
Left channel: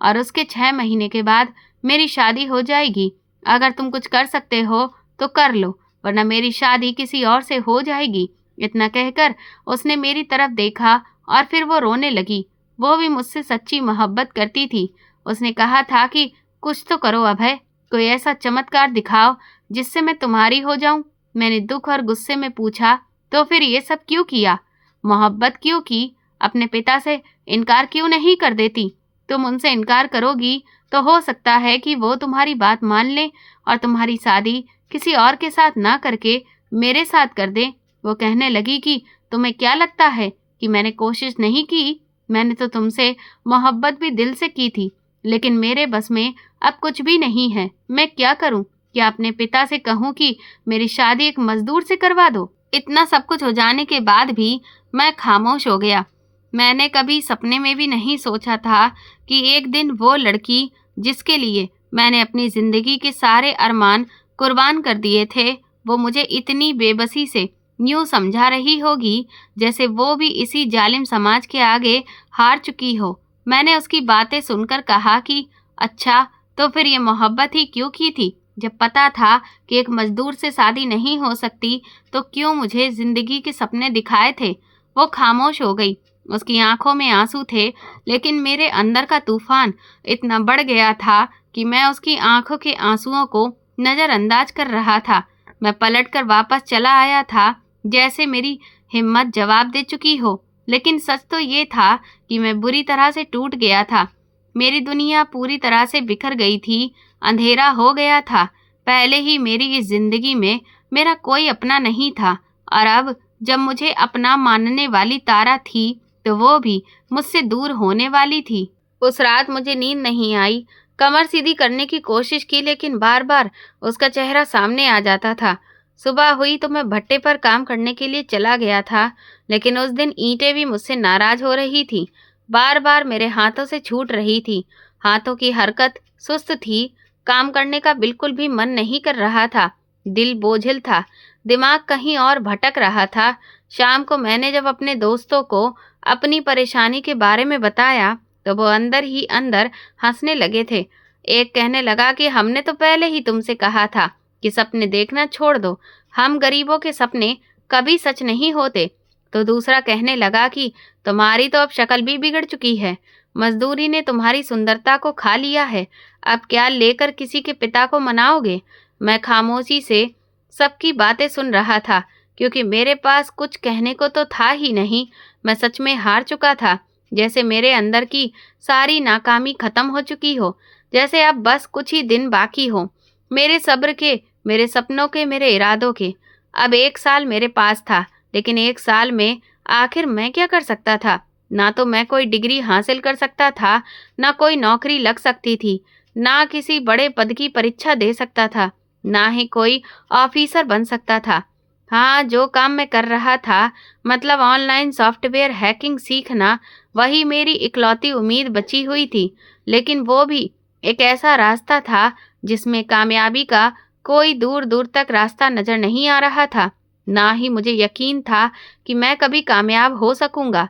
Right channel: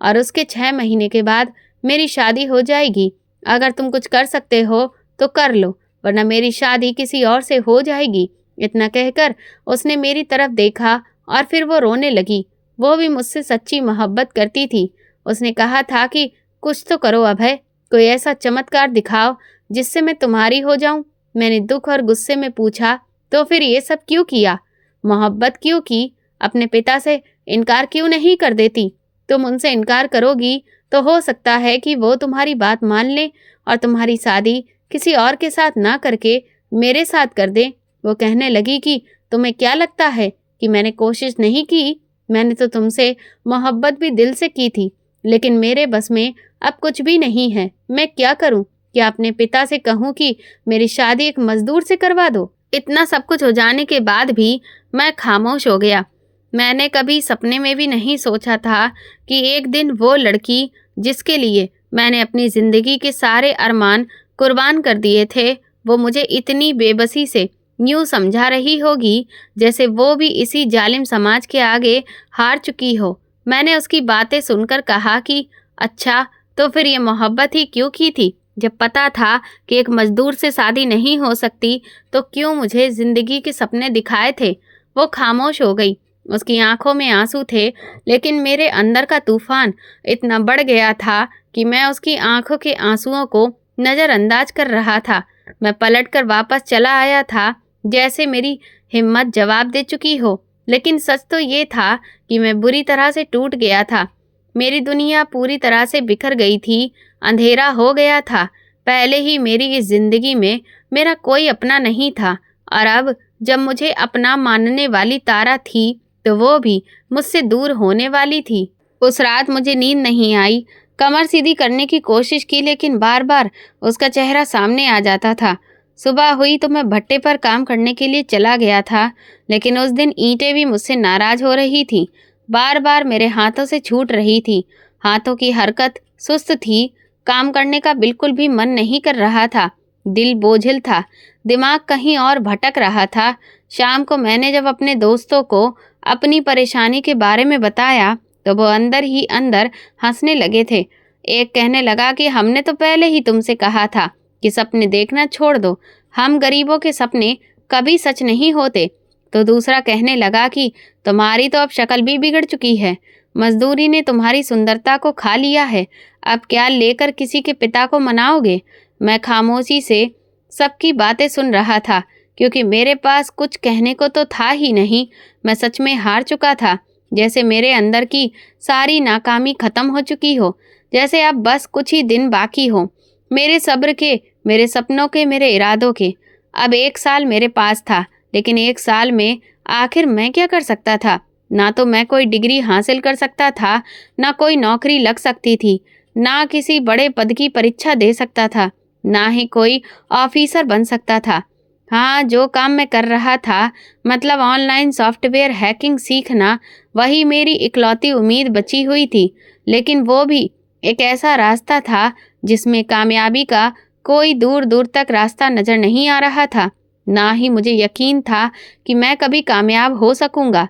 और उसके 6 महीने के बाद मेरी शादी हो जाएगी। अगर तुम कुछ कर सकते हो तो कर लो, वरना मेरी शादी किसी और से हो जाएगी। इतना कहकर उसने मेरी तरफ देखा और फिर वो रोने लगी। वो भी मुझसे सच्ची मोहब्बत करती थी। उसने कहा था कि कुछ तो करो अभय, कोई ऐसा चमत्कार दिखाओ जिससे मैं तुम्हारी हो जाऊं। मैंने दुख और गुस्से में पूछा, तो फिर ये सब क्यों किया? मोहब्बत क्यों की? अपने पिता से इनकार क्यों नहीं कर देती? तुम उनसे इनकार करोगी तो हो सकता है कि वो तुम्हारी बात मान लें और तुम्हारी शादी किसी और के साथ ना करके मेरे साथ कर दें। वो कहने लगी कि तुम्हें क्या लगता है कि मैंने कोशिश नहीं की? मैंने तो तुमसे मोहब्बत भी दिल से की थी, लेकिन मेरे बस में अब कुछ भी नहीं है। मैं क्या करूं? क्या अपने पिता से कहूं कि मेरी शादी एक मजदूर से करवा दो? इतना सब कुछ हो जाने के बाद भी मैं खामोश हो गया। मैंने कभी सपने में भी नहीं सोचा था कि एक दिन वो लड़की जिसके लिए मैंने अपनी ज़िंदगी के सारे अरमान कुर्बान कर दिए थे, वो मुझे इतनी बेबसी से यूँ समझा रही होगी जैसे वो भी इसी जालिम समाज के आगे हार चुकी हो। मैंने उसकी बातें सुनकर कहा कि अच्छा, तो फिर ये मोहब्बत ही क्यों की थी? जब पता था कि एक मजदूर से शादी नहीं हो सकती, तो क्यों मुझे ज़िंदगी के सपने दिखाए थे? वो खामोश हो गई। उसकी आंखों में आंसू थे, लेकिन मेरे अंदर का तूफान इतना बढ़ गया था कि मैं उसकी आंखों के आंसुओं को नज़रअंदाज कर रहा था। मैं पलटकर वापस चला आया था, जैसे मेरी हिम्मत जवाब दे चुकी हो। लेकिन सच तो ये था कि मैं बुरी तरह से टूट गया था। मेरी दुनिया पूरी तरह से बिखर गई थी, अंधेरा हो गया था। पहले ही मेरी इस जिंदगी में मेरा कोई अपना नहीं था, और अब जब मुझे अपना मानने वाली तारा थी, तो वो भी मुझसे दूर होने वाली थी। उस रात मुझे नींद नहीं आई। कमर सीधी करने की कोशिश की, लेकिन बार बार उसका चेहरा सामने आ जाता था। सुबह हुई तो मैं भट्टे पर काम करने के लिए चला गया था, लेकिन उस दिन ईंटें भी मुझसे नाराज हो रही थी। बार बार मेरे हाथों से छूट रही थी। हाथों की हरकत सुस्त थी। काम करने का बिल्कुल भी मन नहीं कर रहा था। दिल बोझिल था, दिमाग कहीं और भटक रहा था। शाम को मैंने जब अपने दोस्तों को अपनी परेशानी के बारे में बताया, तो वो अंदर ही अंदर हंसने लगे थे। एक कहने लगा कि हमने तो पहले ही तुमसे कहा था कि सपने देखना छोड़ दो, हम गरीबों के सपने कभी सच नहीं होते। तो दूसरा कहने लगा कि तुम्हारी तो अब शक्ल भी बिगड़ चुकी है, मजदूरी ने तुम्हारी सुंदरता को खा लिया है, अब क्या लेकर किसी के पिता को मनाओगे? मैं खामोशी से सबकी बातें सुन रहा था, क्योंकि मेरे पास कुछ कहने को तो था ही नहीं। मैं सच में हार चुका था, जैसे मेरे अंदर की सारी नाकामी खत्म हो चुकी हो, जैसे अब बस कुछ ही दिन बाकी हो, मेरे सब्र के, मेरे सपनों के, मेरे इरादों के। अब 1 साल मेरे पास था, लेकिन 1 साल में आखिर मैं क्या कर सकता था? ना तो मैं कोई डिग्री हासिल कर सकता था, ना कोई नौकरी लग सकती थी, ना किसी बड़े पद की परीक्षा दे सकता था, ना ही कोई ऑफिसर बन सकता था। हाँ, जो काम मैं कर रहा था, मतलब ऑनलाइन सॉफ्टवेयर हैकिंग सीखना, वही मेरी इकलौती उम्मीद बची हुई थी। लेकिन वो भी एक ऐसा रास्ता था जिसमें कामयाबी का कोई दूर दूर तक रास्ता नजर नहीं आ रहा था। ना ही मुझे यकीन था कि मैं कभी कामयाब हो सकूंगा।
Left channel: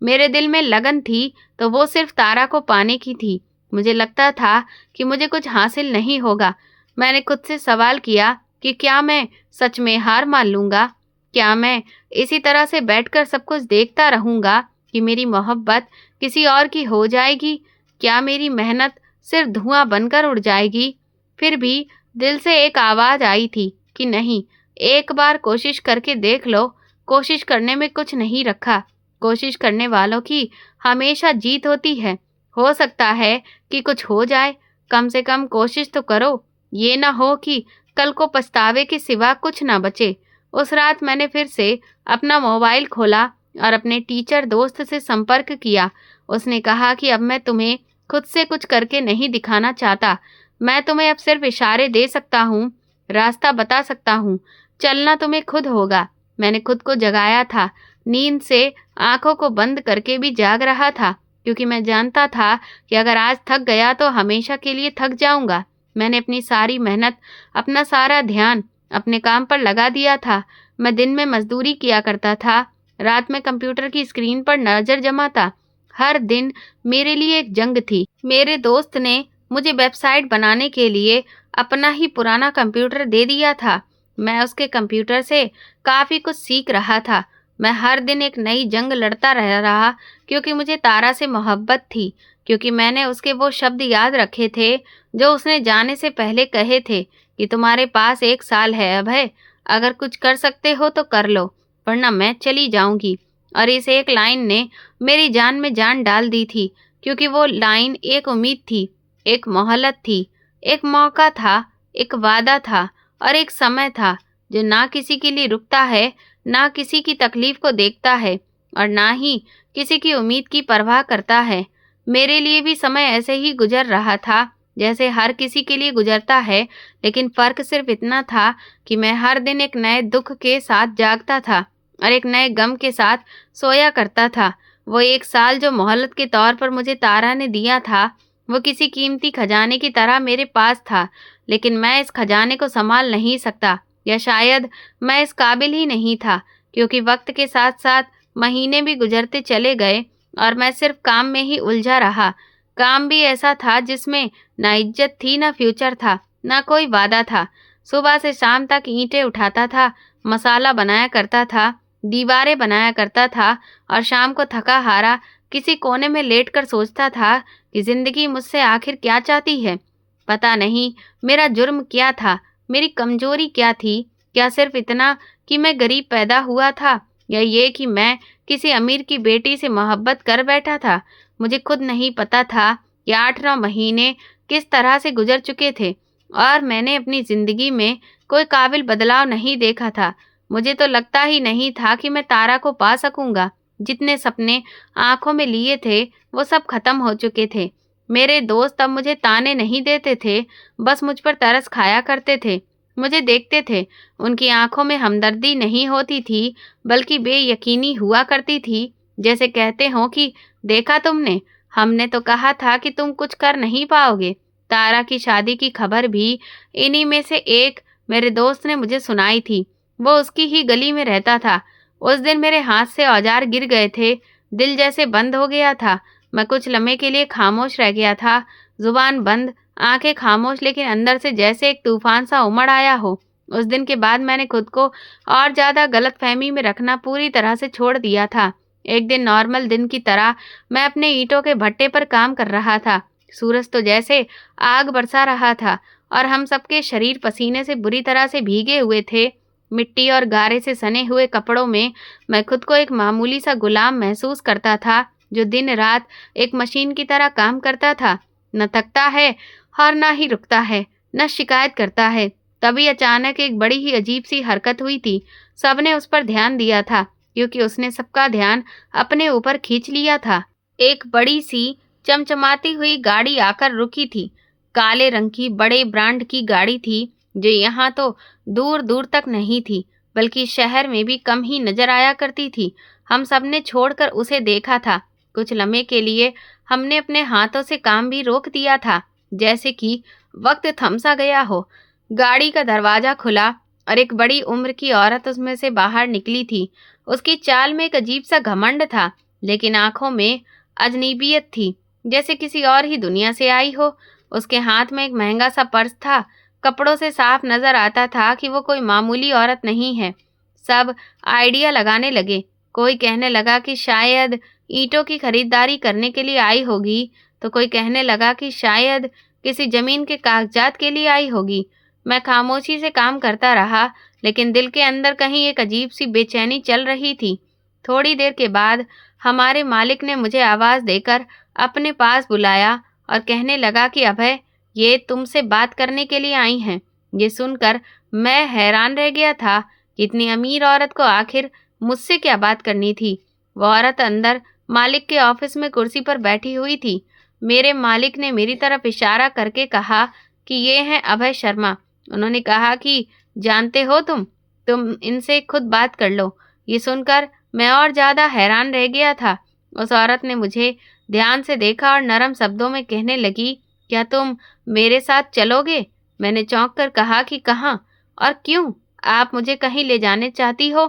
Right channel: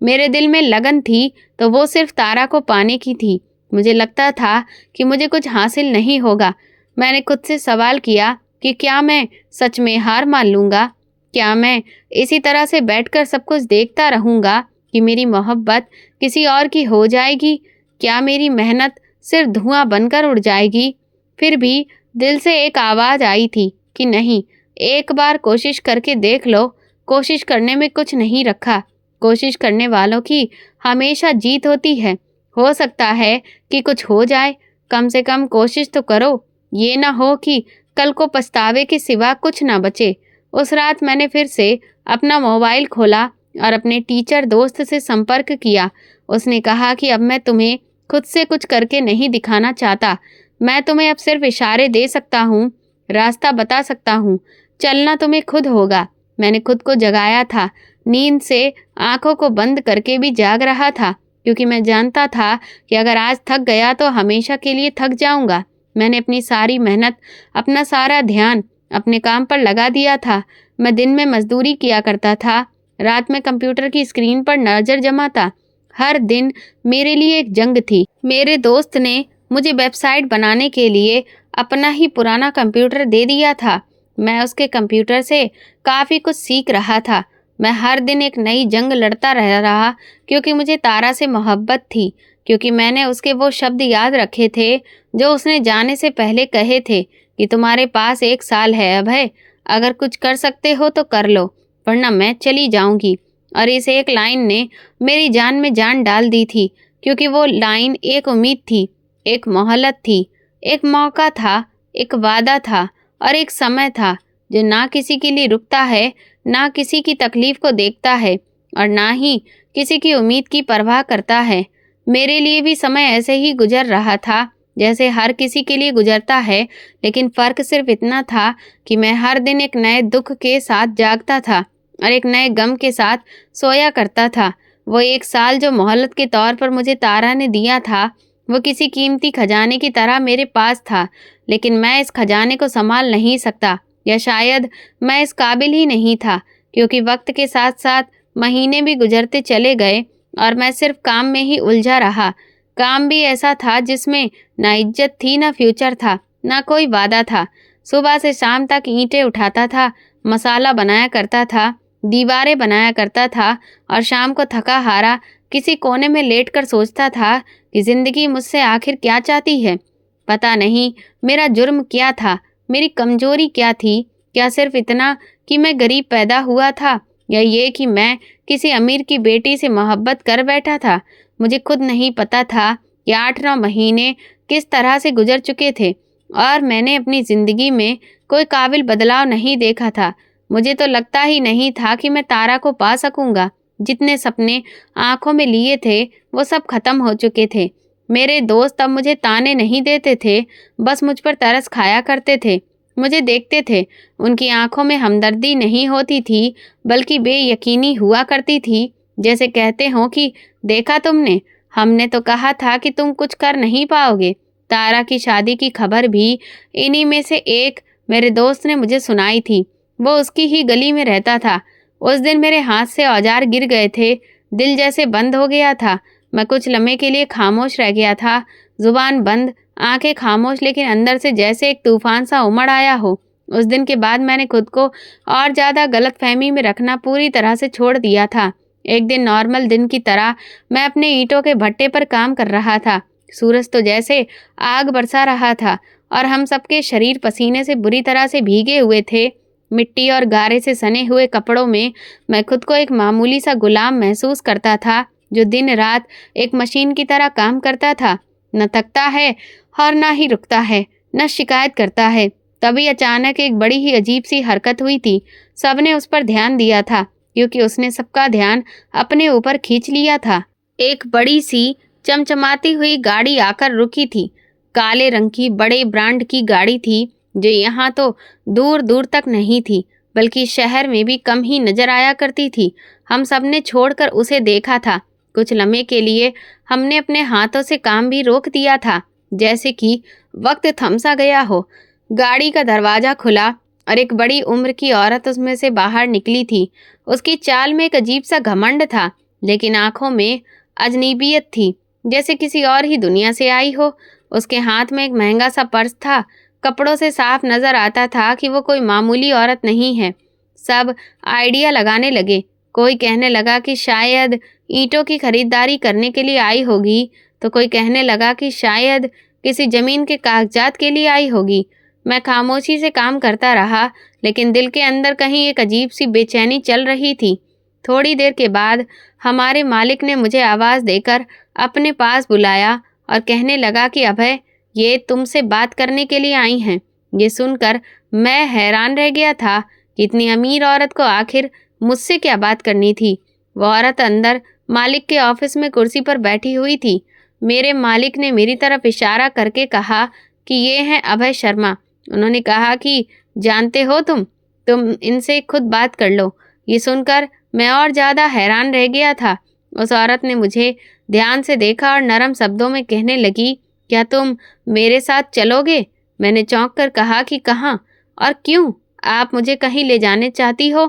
मेरे दिल में लगन थी तो वो सिर्फ तारा को पाने की थी। मुझे लगता था कि मुझे कुछ हासिल नहीं होगा। मैंने खुद से सवाल किया कि क्या मैं सच में हार मान लूंगा? क्या मैं इसी तरह से बैठकर सब कुछ देखता रहूंगा कि मेरी मोहब्बत किसी और की हो जाएगी? क्या मेरी मेहनत सिर्फ धुआं बनकर उड़ जाएगी? फिर भी दिल से एक आवाज़ आई थी कि नहीं, एक बार कोशिश करके देख लो। कोशिश करने में कुछ नहीं रखा। कोशिश करने वालों की हमेशा जीत होती है। हो सकता है कि कुछ हो जाए, कम से कम कोशिश तो करो। ये ना हो कि कल को पछतावे के सिवा कुछ ना बचे। उस रात मैंने फिर से अपना मोबाइल खोला और अपने टीचर दोस्त से संपर्क किया। उसने कहा कि अब मैं तुम्हें खुद से कुछ करके नहीं दिखाना चाहता। मैं तुम्हें अब सिर्फ इशारे दे सकता हूँ, रास्ता बता सकता हूँ। चलना तुम्हें खुद होगा। मैंने खुद को जगाया था। नींद से आंखों को बंद करके भी जाग रहा था, क्योंकि मैं जानता था कि अगर आज थक गया तो हमेशा के लिए थक जाऊंगा। मैंने अपनी सारी मेहनत, अपना सारा ध्यान अपने काम पर लगा दिया था। मैं दिन में मजदूरी किया करता था, रात में कंप्यूटर की स्क्रीन पर नजर जमाता। हर दिन मेरे लिए एक जंग थी। मेरे दोस्त ने मुझे वेबसाइट बनाने के लिए अपना ही पुराना कंप्यूटर दे दिया था। मैं उसके कंप्यूटर से काफ़ी कुछ सीख रहा था। मैं हर दिन एक नई जंग लड़ता रह रहा, क्योंकि मुझे तारा से मोहब्बत थी। क्योंकि मैंने उसके वो शब्द याद रखे थे जो उसने जाने से पहले कहे थे कि तुम्हारे पास 1 साल है अभय, अगर कुछ कर सकते हो तो कर लो, वरना मैं चली जाऊंगी। और इस एक लाइन ने मेरी जान में जान डाल दी थी, क्योंकि वो लाइन एक उम्मीद थी, एक मोहलत थी, एक मौका था, एक वादा था और एक समय था जो ना किसी के लिए रुकता है, ना किसी की तकलीफ को देखता है और ना ही किसी की उम्मीद की परवाह करता है। मेरे लिए भी समय ऐसे ही गुजर रहा था जैसे हर किसी के लिए गुजरता है, लेकिन फ़र्क सिर्फ इतना था कि मैं हर दिन एक नए दुख के साथ जागता था और एक नए गम के साथ सोया करता था। वो 1 साल जो मोहलत के तौर पर मुझे तारा ने दिया था, वो किसी कीमती खजाने की तरह मेरे पास था, लेकिन मैं इस खजाने को संभाल नहीं सकता, या शायद मैं इस काबिल ही नहीं था, क्योंकि वक्त के साथ साथ महीने भी गुजरते चले गए और मैं सिर्फ काम में ही उलझा रहा। काम भी ऐसा था जिसमें ना इज्जत थी, ना फ्यूचर था, ना कोई वादा था। सुबह से शाम तक ईंटें उठाता था, मसाला बनाया करता था, दीवारें बनाया करता था और शाम को थका हारा किसी कोने में लेटकर सोचता था कि जिंदगी मुझसे आखिर क्या चाहती है। पता नहीं मेरा जुर्म क्या था, मेरी कमजोरी क्या थी। क्या सिर्फ इतना कि मैं गरीब पैदा हुआ था, या ये कि मैं किसी अमीर की बेटी से मोहब्बत कर बैठा था। मुझे खुद नहीं पता था कि 8-9 महीने किस तरह से गुजर चुके थे और मैंने अपनी ज़िंदगी में कोई काबिल बदलाव नहीं देखा था। मुझे तो लगता ही नहीं था कि मैं तारा को पा सकूंगा। जितने सपने आंखों में लिए थे वो सब खत्म हो चुके थे। मेरे दोस्त अब मुझे ताने नहीं देते थे, बस मुझ पर तरस खाया करते थे, मुझे देखते थे। उनकी आंखों में हमदर्दी नहीं होती थी, बल्कि बेयकीनी हुआ करती थी। जैसे कहते हो कि देखा तुमने, हमने तो कहा था कि तुम कुछ कर नहीं पाओगे। तारा की शादी की खबर भी इन्हीं में से एक मेरे दोस्त ने मुझे सुनाई थी। वो उसकी ही गली में रहता था। उस दिन मेरे हाथ से औजार गिर गए थे, दिल जैसे बंद हो गया था। मैं कुछ लम्हे के लिए खामोश रह गया था, जुबान बंद, आंखें खामोश, लेकिन अंदर से जैसे एक तूफान सा उमड़ आया हो। उस दिन के बाद मैंने खुद को और ज़्यादा गलतफहमी में रखना पूरी तरह से छोड़ दिया था। एक दिन नॉर्मल दिन की तरह मैं अपने ईंटों के भट्टे पर काम कर रहा था। सूरज तो जैसे आग बरसा रहा था और हम सबके शरीर पसीने से बुरी तरह से भीगे हुए थे। मिट्टी और गारे से सने हुए कपड़ों में मैं खुद को एक मामूली सा गुलाम महसूस करता था, जो दिन रात एक मशीन की तरह काम करता था। न थकता है और न ही रुकता है, न शिकायत करता है। तभी अचानक एक बड़ी ही अजीब सी हरकत हुई थी। सबने उस पर ध्यान दिया था, क्योंकि उसने सबका ध्यान अपने ऊपर खींच लिया था। एक बड़ी सी चमचमाती हुई गाड़ी आकर रुकी थी। काले रंग की बड़े ब्रांड की गाड़ी थी, जो यहाँ तो दूर दूर तक नहीं थी, बल्कि शहर में भी कम ही नजर आया करती थी। हम सबने छोड़कर उसे देखा था। कुछ लम्हे के लिए हमने अपने हाथों से काम भी रोक दिया था, जैसे कि वक्त थम सा गया हो। गाड़ी का दरवाज़ा खुला और एक बड़ी उम्र की औरत उसमें से बाहर निकली थी। उसकी चाल में एक अजीब-सा घमंड था, लेकिन आँखों में अजनबियत थी, जैसे किसी और ही दुनिया से आई हो। उसके हाथ में एक महँगा-सा पर्स था। कपड़ों से साफ नज़र आता था कि वो कोई मामूली औरत नहीं है। सब आइडिया लगाने लगे। कोई कहने लगा कि शायद ईंटों की खरीदारी करने के लिए आई होगी, तो कोई कहने लगा कि शायद किसी ज़मीन के कागजात के लिए आई होगी। मैं खामोशी से काम करता रहा, लेकिन दिल के अंदर कहीं एक अजीब-सी बेचैनी चल रही थी। थोड़ी देर के बाद हमारे मालिक ने मुझे आवाज़ देकर अपने पास बुलाया और कहने लगा कि अभय, ये तुमसे बात करने के लिए आई हैं। ये सुनकर मैं हैरान रह गया था कि इतनी अमीर औरत को आखिर मुझसे क्या बात करनी थी। वो औरत अंदर मालिक के ऑफिस में कुर्सी पर बैठी हुई थी। मेरे मालिक ने मेरी तरफ इशारा करके कहा कि ये हैं अभय शर्मा। उन्होंने कहा कि जानते हो तुम इनसे खुद बात कर लो। ये सुनकर मैं और ज़्यादा हैरान रह गया था। उस औरत ने मुझे ध्यान से देखा और नरम शब्दों में कहने लगी, क्या तुम मेरे साथ चलोगे? मैंने चौंक कर कहा कि कहाँ और क्यों? आप मुझे कहीं ले जाने चाहती हो?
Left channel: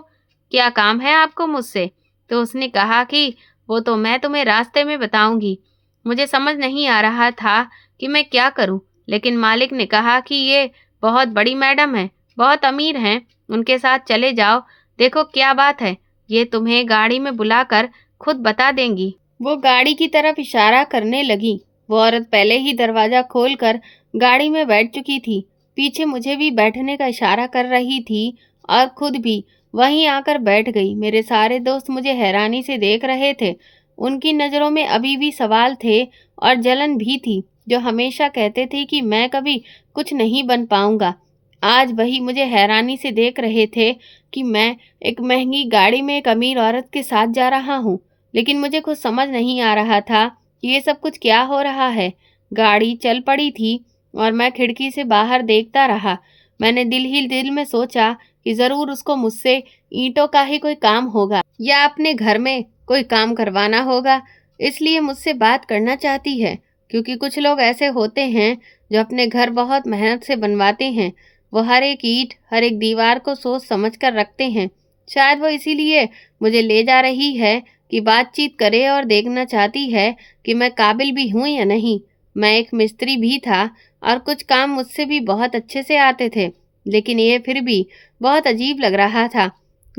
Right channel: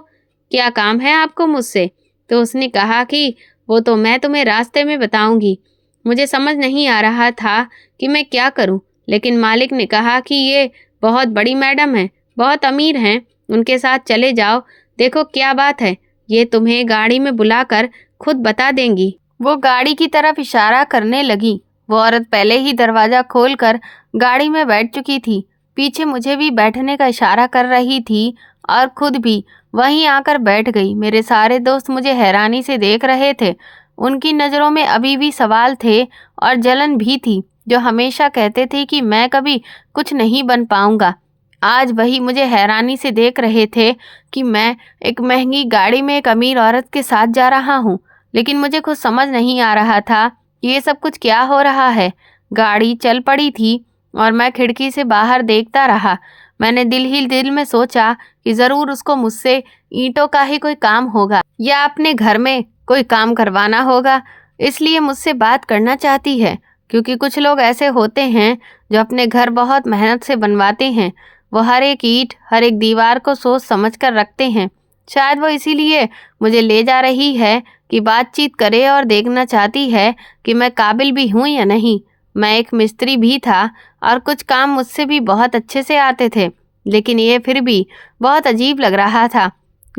क्या काम है आपको मुझसे? तो उसने कहा कि वो तो मैं तुम्हें रास्ते में बताऊंगी। मुझे समझ नहीं आ रहा था कि मैं क्या करूं, लेकिन मालिक ने कहा कि ये बहुत बड़ी मैडम है, बहुत अमीर हैं, उनके साथ चले जाओ। देखो क्या बात है, ये तुम्हें गाड़ी में बुलाकर खुद बता देंगी। वो गाड़ी की तरफ इशारा करने लगी। वो औरत पहले ही दरवाज़ा खोलकर गाड़ी में बैठ चुकी थी। पीछे मुझे भी बैठने का इशारा कर रही थी और खुद भी वहीं आकर बैठ गई। मेरे सारे दोस्त मुझे हैरानी से देख रहे थे। उनकी नज़रों में अभी भी सवाल थे और जलन भी थी। जो हमेशा कहते थे कि मैं कभी कुछ नहीं बन पाऊंगा, आज वही मुझे हैरानी से देख रहे थे कि मैं एक महंगी गाड़ी में एक अमीर औरत के साथ जा रहा हूँ। लेकिन मुझे कुछ समझ नहीं आ रहा था कि ये सब कुछ क्या हो रहा है। गाड़ी चल पड़ी थी और मैं खिड़की से बाहर देखता रहा। मैंने दिल ही दिल में सोचा कि ज़रूर उसको मुझसे ईंटों का ही कोई काम होगा या अपने घर में कोई काम करवाना होगा, इसलिए मुझसे बात करना चाहती है। क्योंकि कुछ लोग ऐसे होते हैं जो अपने घर बहुत मेहनत से बनवाते हैं। वो हर एक ईंट, हर एक दीवार को सोच समझ कर रखते हैं। शायद वो इसीलिए मुझे ले जा रही है कि बातचीत करे और देखना चाहती है कि मैं काबिल भी हूँ या नहीं। मैं एक मिस्त्री भी था और कुछ काम मुझसे भी बहुत अच्छे से आते थे, लेकिन ये फिर भी बहुत अजीब लग रहा था।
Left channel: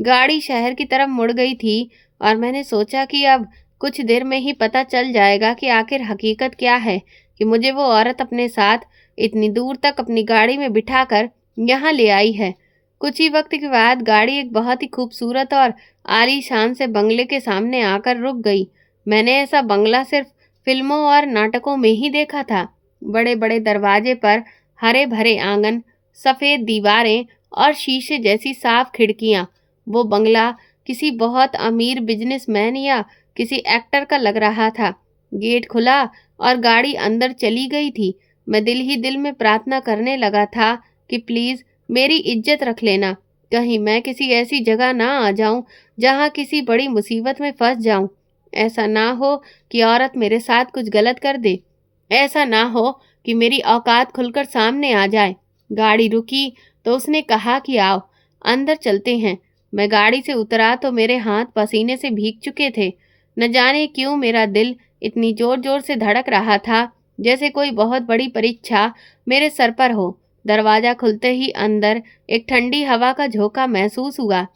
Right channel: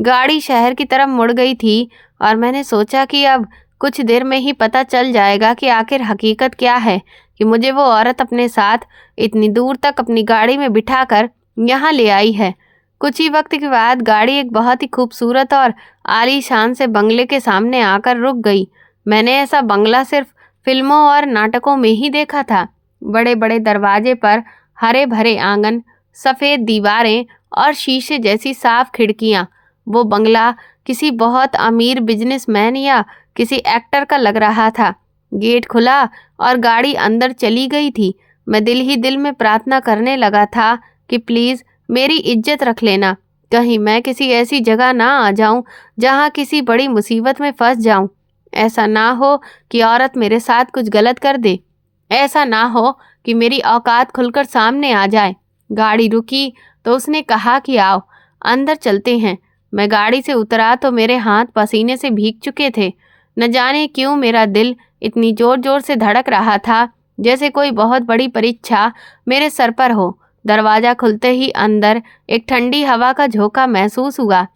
गाड़ी शहर की तरफ मुड़ गई थी और मैंने सोचा कि अब कुछ देर में ही पता चल जाएगा कि आखिर हकीकत क्या है कि मुझे वो औरत अपने साथ इतनी दूर तक अपनी गाड़ी में बिठाकर यहाँ ले आई है। कुछ ही वक्त के बाद गाड़ी एक बहुत ही खूबसूरत और आलीशान से बंगले के सामने आकर रुक गई। मैंने ऐसा बंगला सिर्फ फिल्मों और नाटकों में ही देखा था। बड़े बड़े दरवाजे पर हरे भरे आंगन, सफ़ेद दीवारें और शीशे जैसी साफ खिड़कियाँ। वो बंगला किसी बहुत अमीर बिजनेसमैन या किसी एक्टर का लग रहा था। गेट खुला और गाड़ी अंदर चली गई थी। मैं दिल ही दिल में प्रार्थना करने लगा था कि प्लीज़ मेरी इज्जत रख लेना, कहीं मैं किसी ऐसी जगह ना आ जाऊं जहां किसी बड़ी मुसीबत में फंस जाऊं। ऐसा ना हो कि औरत मेरे साथ कुछ गलत कर दे। ऐसा ना हो कि मेरी औकात खुलकर सामने आ जाए। गाड़ी रुकी तो उसने कहा कि आओ अंदर चलते हैं। मैं गाड़ी से उतरा तो मेरे हाथ पसीने से भीग चुके थे। न जाने क्यों मेरा दिल इतनी जोर जोर से धड़क रहा था, जैसे कोई बहुत बड़ी परीक्षा मेरे सर पर हो। दरवाज़ा खुलते ही अंदर एक ठंडी हवा का झोंका महसूस हुआ।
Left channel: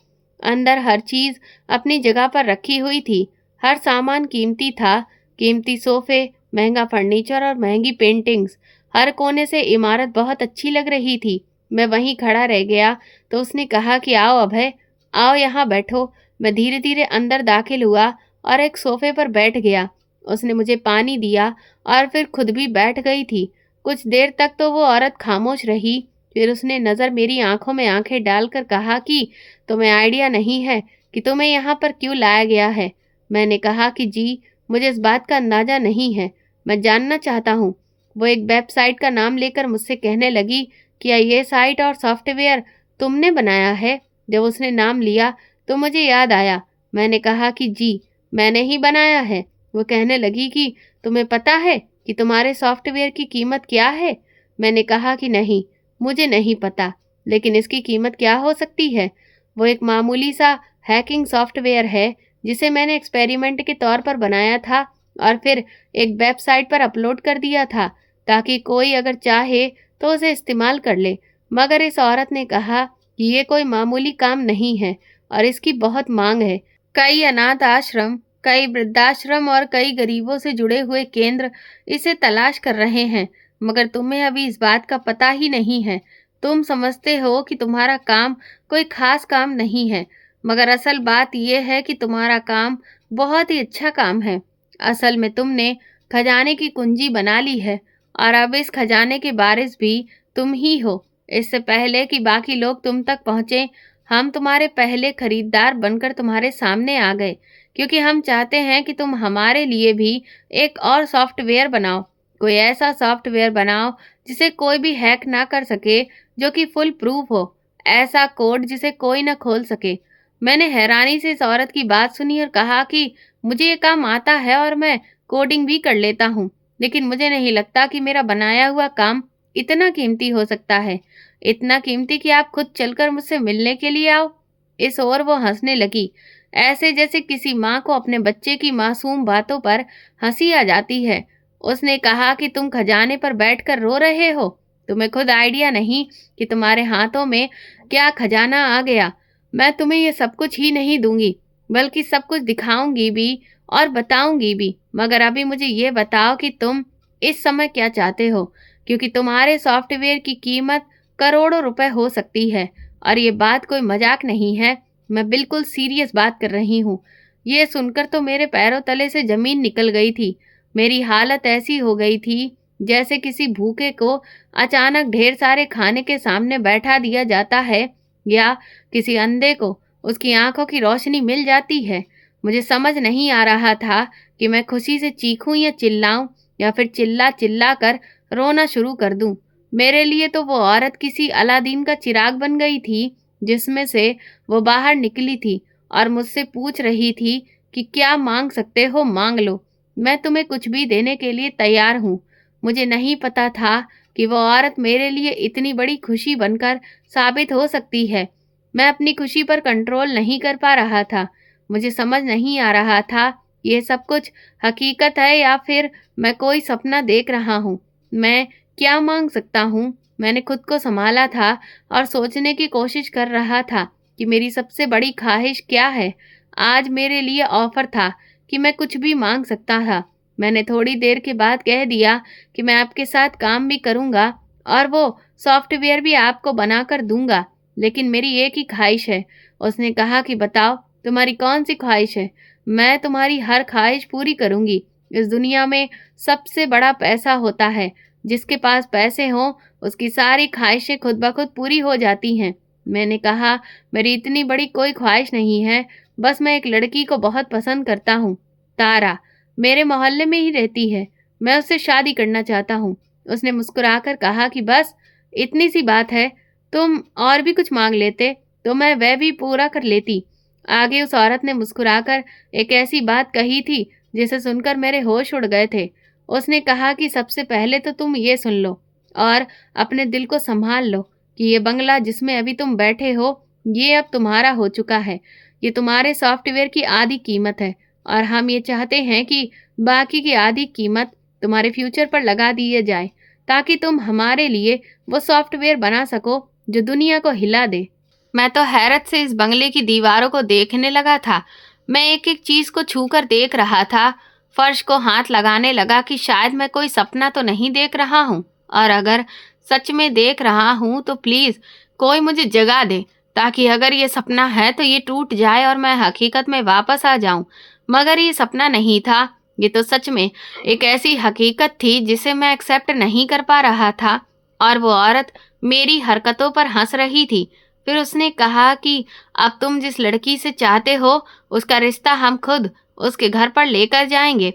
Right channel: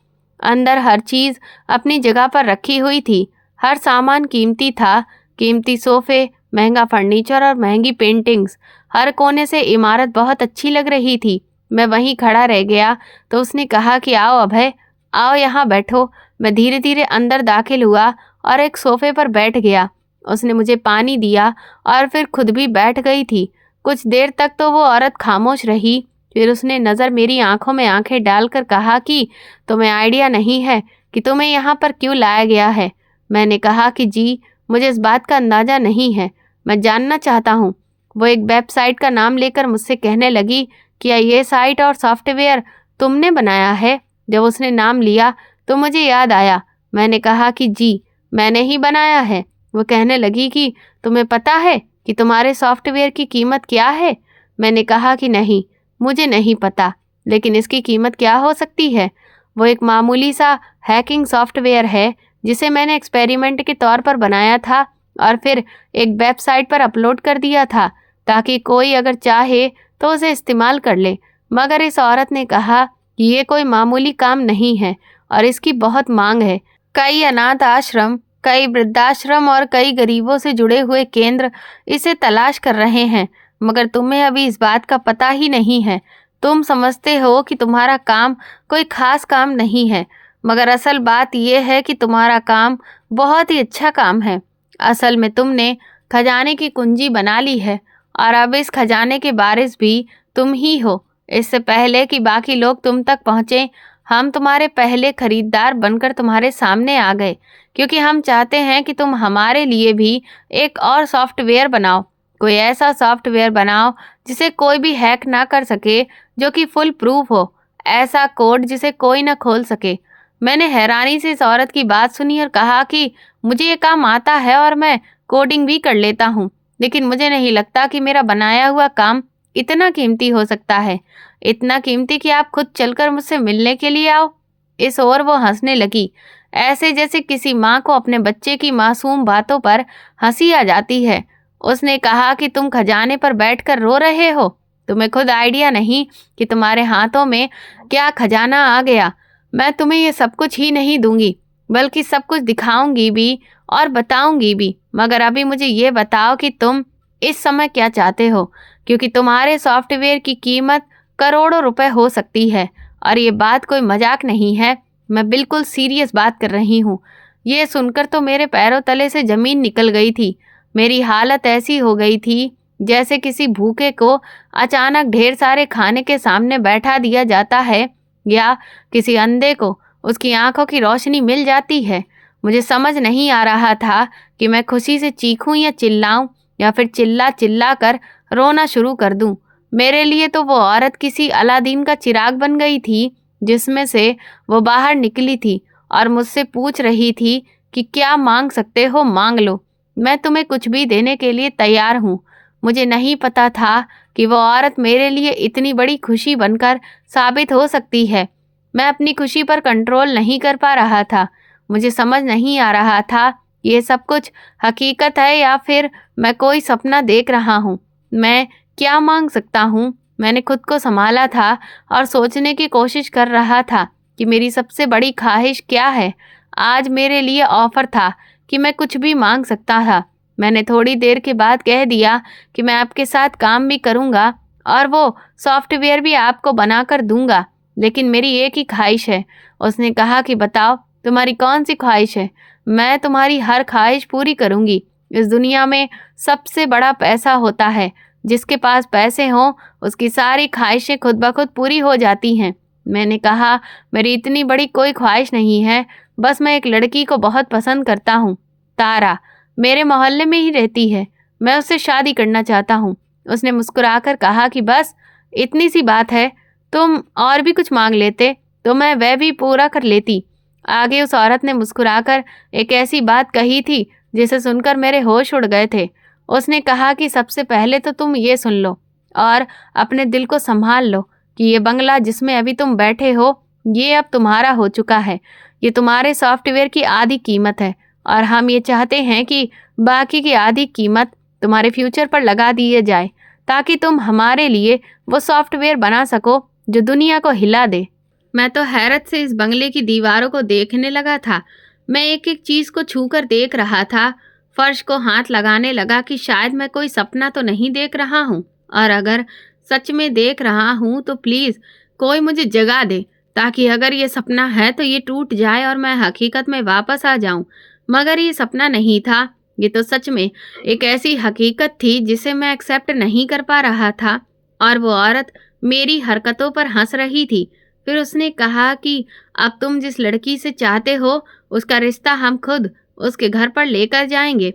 अंदर हर चीज़ अपनी जगह पर रखी हुई थी। हर सामान कीमती था, कीमती सोफ़े, महंगा फर्नीचर और महंगी पेंटिंग्स। हर कोने से इमारत बहुत अच्छी लग रही थी। मैं वहीं खड़ा रह गया तो उसने कहा कि आओ अभय, आओ यहाँ बैठो। मैं धीरे धीरे अंदर दाखिल हुआ और एक सोफ़े पर बैठ गया। उसने मुझे पानी दिया और फिर खुद भी बैठ गई थी। कुछ देर तक तो वो औरत खामोश रही। फिर उसने नज़र मेरी आंखों में आंखें डालकर कहा कि तुम्हें आइडिया नहीं है कि तुम्हें यहाँ पर क्यों लाया गया है। मैंने कहा कि जी, मुझे इस बात का अंदाज़ा नहीं है, मैं जानना चाहता हूँ। वो एक वेबसाइट का नाम लेकर मुझसे कहने लगी, क्या ये साइट और सॉफ्टवेयर तुमने बनाया है? जब उसने नाम लिया तो मुझे याद आया। मैंने कहा कि जी, मैंने ही बनाया है। वो कहने लगी कि तुम्हें पता है कि तुम्हारे सॉफ्टवेयर की कीमत क्या है? मैंने कहा कि नहीं। मुझे नहीं पता, लेकिन इसकी कीमत क्या हो सकती है? वो एक मामूली सा हैकिंग सॉफ्टवेयर है जिसे मैंने एक्सपेरिमेंट के तौर पर बनाया था और फिर एक वेबसाइट पर अपलोड कर दिया था ताकि कोई अगर चाहे तो उसे इस्तेमाल कर ले। मगर इस औरत ने कहा कि ये कोई मामूली काम नहीं है और इसकी बहुत मांग है। कई अनाथ आश्रम, कई वृद्धाश्रम और कई गरीबों से जुड़े हुए केंद्र इसे तलाश कर रहे हैं, मगर तुम्हें अभी इस बात का पता ही नहीं है। तुम समझते हो कि तुम्हारा काम कोई खास काम नहीं है, मगर असल बात यह है कि तुम्हारा काम बहुत ही अच्छा काम है। असल में तुमने खजाने की कुंजी बना ली है और अब इस खजाने के वारिस भी तुम ही हो। इससे पहले कि बाकी लोग तुम तक पहुँचें, हम तुम्हारे पहले खरीदार बनकर तुम्हारे सामने आ गए, क्योंकि हम चाहते हैं कि तुम हमारे लिए भी एक और सॉफ्टवेयर बनाओ। कोई ऐसा सॉफ्टवेयर बनाओ जिसे कोई भी हैक ना कर सके, जो कि फुल प्रूफ हो, ऐसा कोड जिसे कोई ना खोल सके। मैंने हैरानी से इस औरत की बात सुनी और कहा कि मुझे ये काम आता है और मैं कोडिंग भी कर लेता हूँ, लेकिन मुझे नहीं लगता कि मेरा बनाया हुआ काम इतना कीमती हो सकता है, इतना कीमती कि आप खुद चलकर मुझसे मिलने के लिए आओ। इस ओर वो हंसने लगी, ऐसे जैसे किसी माँ को अपने बच्चे की मासूम बातों पर हंसी आ जाती है। उसने कहा कि तुम खजाने पर बैठकर रो रहे हो, तुम्हें खुद आइडिया नहीं कि तुम्हारे हाथों में क्या खजाना आ गया। मैं तुम्हें ये सब कुछ ही नहीं दूंगी, बल्कि सब कुछ दिखाऊंगी भी और बताऊंगी भी। मगर अभी मुझे ये बताओ कि तुम इस समय क्या चाहते हो, क्योंकि तुम्हारे सॉफ्टवेयर की कीमत करोड़ों रुपए हो सकती है। और ये बात कोई मजाक नहीं है, मैं बिल्कुल सीरियस बात कर रही हूँ। ये सुनकर तो मेरे पैरों तले से ज़मीन निकल गई थी। मेरी हालत ऐसी हो गई थी जैसे किसी भूखे को अचानक ढेर सारे खाने के सामने बैठा दिया जाता है, या किसी अंधे को उसकी आंखों की रोशनी मिल जाती है। मुझे समझ नहीं आ रहा था कि मैं खुशी से चीखूं या चिल्लाऊं, या फिर चिल्ला चिल्ला कर रोना शुरू कर दूं। मेरे लिए तो वो औरत किसी अलादीन का चिराग बन गई थी, जिसमें से वो बाहर निकली थी और मुझसे पूछ रही थी कि क्या मांग सकते हो, मांग लो, मैं तुम्हें कुछ भी देने के लिए तैयार हूँ। मुझे नहीं पता था कि वो औरत मेरे लिए इतनी बड़ी खुशी बनकर साबित हो सकती है। मैं अपनी खुशी पर कंट्रोल नहीं कर पा रहा था। मुझे समझ नहीं आ रहा था ये सब कुछ हकीकत है या फिर मैं कोई सपना देख रहा हूँ। मैं क्या मांग सकता हूँ? मैंने खुद को संभाला था और सोचने की कोशिश कर रहा था कि मेरी सबसे बड़ी ख्वाहिश क्या है। आज मेरे लिए ऑफर था कि मैं कुछ भी मांग सकता था। मैंने थोड़ी देर के बाद कह दिया कि मैं आपके साथ काम भी करूँगा और वो सॉफ्टवेयर भी आपको बनाकर दूंगा, लेकिन मेरी एक ही ख्वाहिश है। उसने कहा कि बताओ तुम्हारी कौन सी ख्वाहिश है? मैं तुम्हारी हर ख्वाहिश पूरी करूँगी। इस दुनिया में सबसे बड़ा पैसा होता है। जिसके पास पैसे हों उसकी सारी ख्वाहिशें खुद ब खुद पूरी हो जाती हैं। मैंने कहा मेरी इतनी बड़ी कोई ख्वाहिश नहीं है, बस मैं एक लड़की को बहुत पसंद करता हूँ, तारा, मेरे मोहल्ले में ही रहती है, मैं उससे शादी करना चाहता हूँ। उसने मुस्कुराकर कहा कि बस इतनी सी बात है, तुम और भी कुछ मांग लेते तो मैं वह भी पूरा कर लेती। आगे उस औरत ने मुस्कुराकर एक ऐसी बात कही थी जिसे सुनकर मेरे होश उड़ गए थे। उसने कहा कि सबसे पहले तो तुम ये सुन लो और अपने दिल को संभाल लो कि ये बंगला जिसमें अभी तुम बैठे हो ये अब तुम्हारा हो चुका है। ये तुम्हारे सॉफ्टवेयर की आधी कीमत है और हम ये चाहते हैं कि बाकी की आधी कीमत तुम्हारे फ्यूचर पर लगा दिए जाए, ताकि तुम हमारे लिए वो सॉफ्टवेयर बना सको जो दुनिया को हिला दे। मैं तो हैरत से इस बंगले की दीवारों को देखने लगा था। मैं एक एक चीज़ को छूकर देख रहा था। फर्श को हाथ लगाने लगा कि शायद मैं कोई सपना तो नहीं देख रहा हूँ, और अगर सच में देख रहा हूँ तो प्लीज़ कोई मुझे जगा दे, ताकि अगर ये सपना है तो ये टूट जाए और मैं हकीकत में वापस आ जाऊँ। मगर ये सपना नहीं था, ये तो सच में एक ऐसी हकीकत थी जिसे मैं एक्सेप्ट नहीं कर पा रहा था। और वो औरत मेरी हरकतों पर हंस रही थी। फिर उसने कहा कि अब तुम जिस लड़की से चाहते हो उसका रिश्ता हम खुद उसके घर पर लेकर जाएंगे।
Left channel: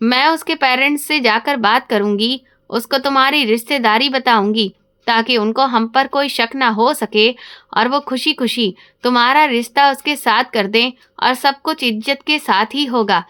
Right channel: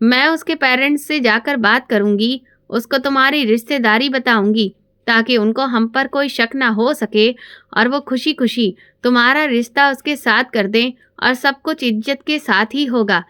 मैं उसके पेरेंट्स से जाकर बात करूंगी, उसको तुम्हारी रिश्तेदारी बताऊंगी, ताकि उनको हम पर कोई शक ना हो सके और वो खुशी खुशी तुम्हारा रिश्ता उसके साथ कर दें, और सब कुछ इज्जत के साथ ही होगा।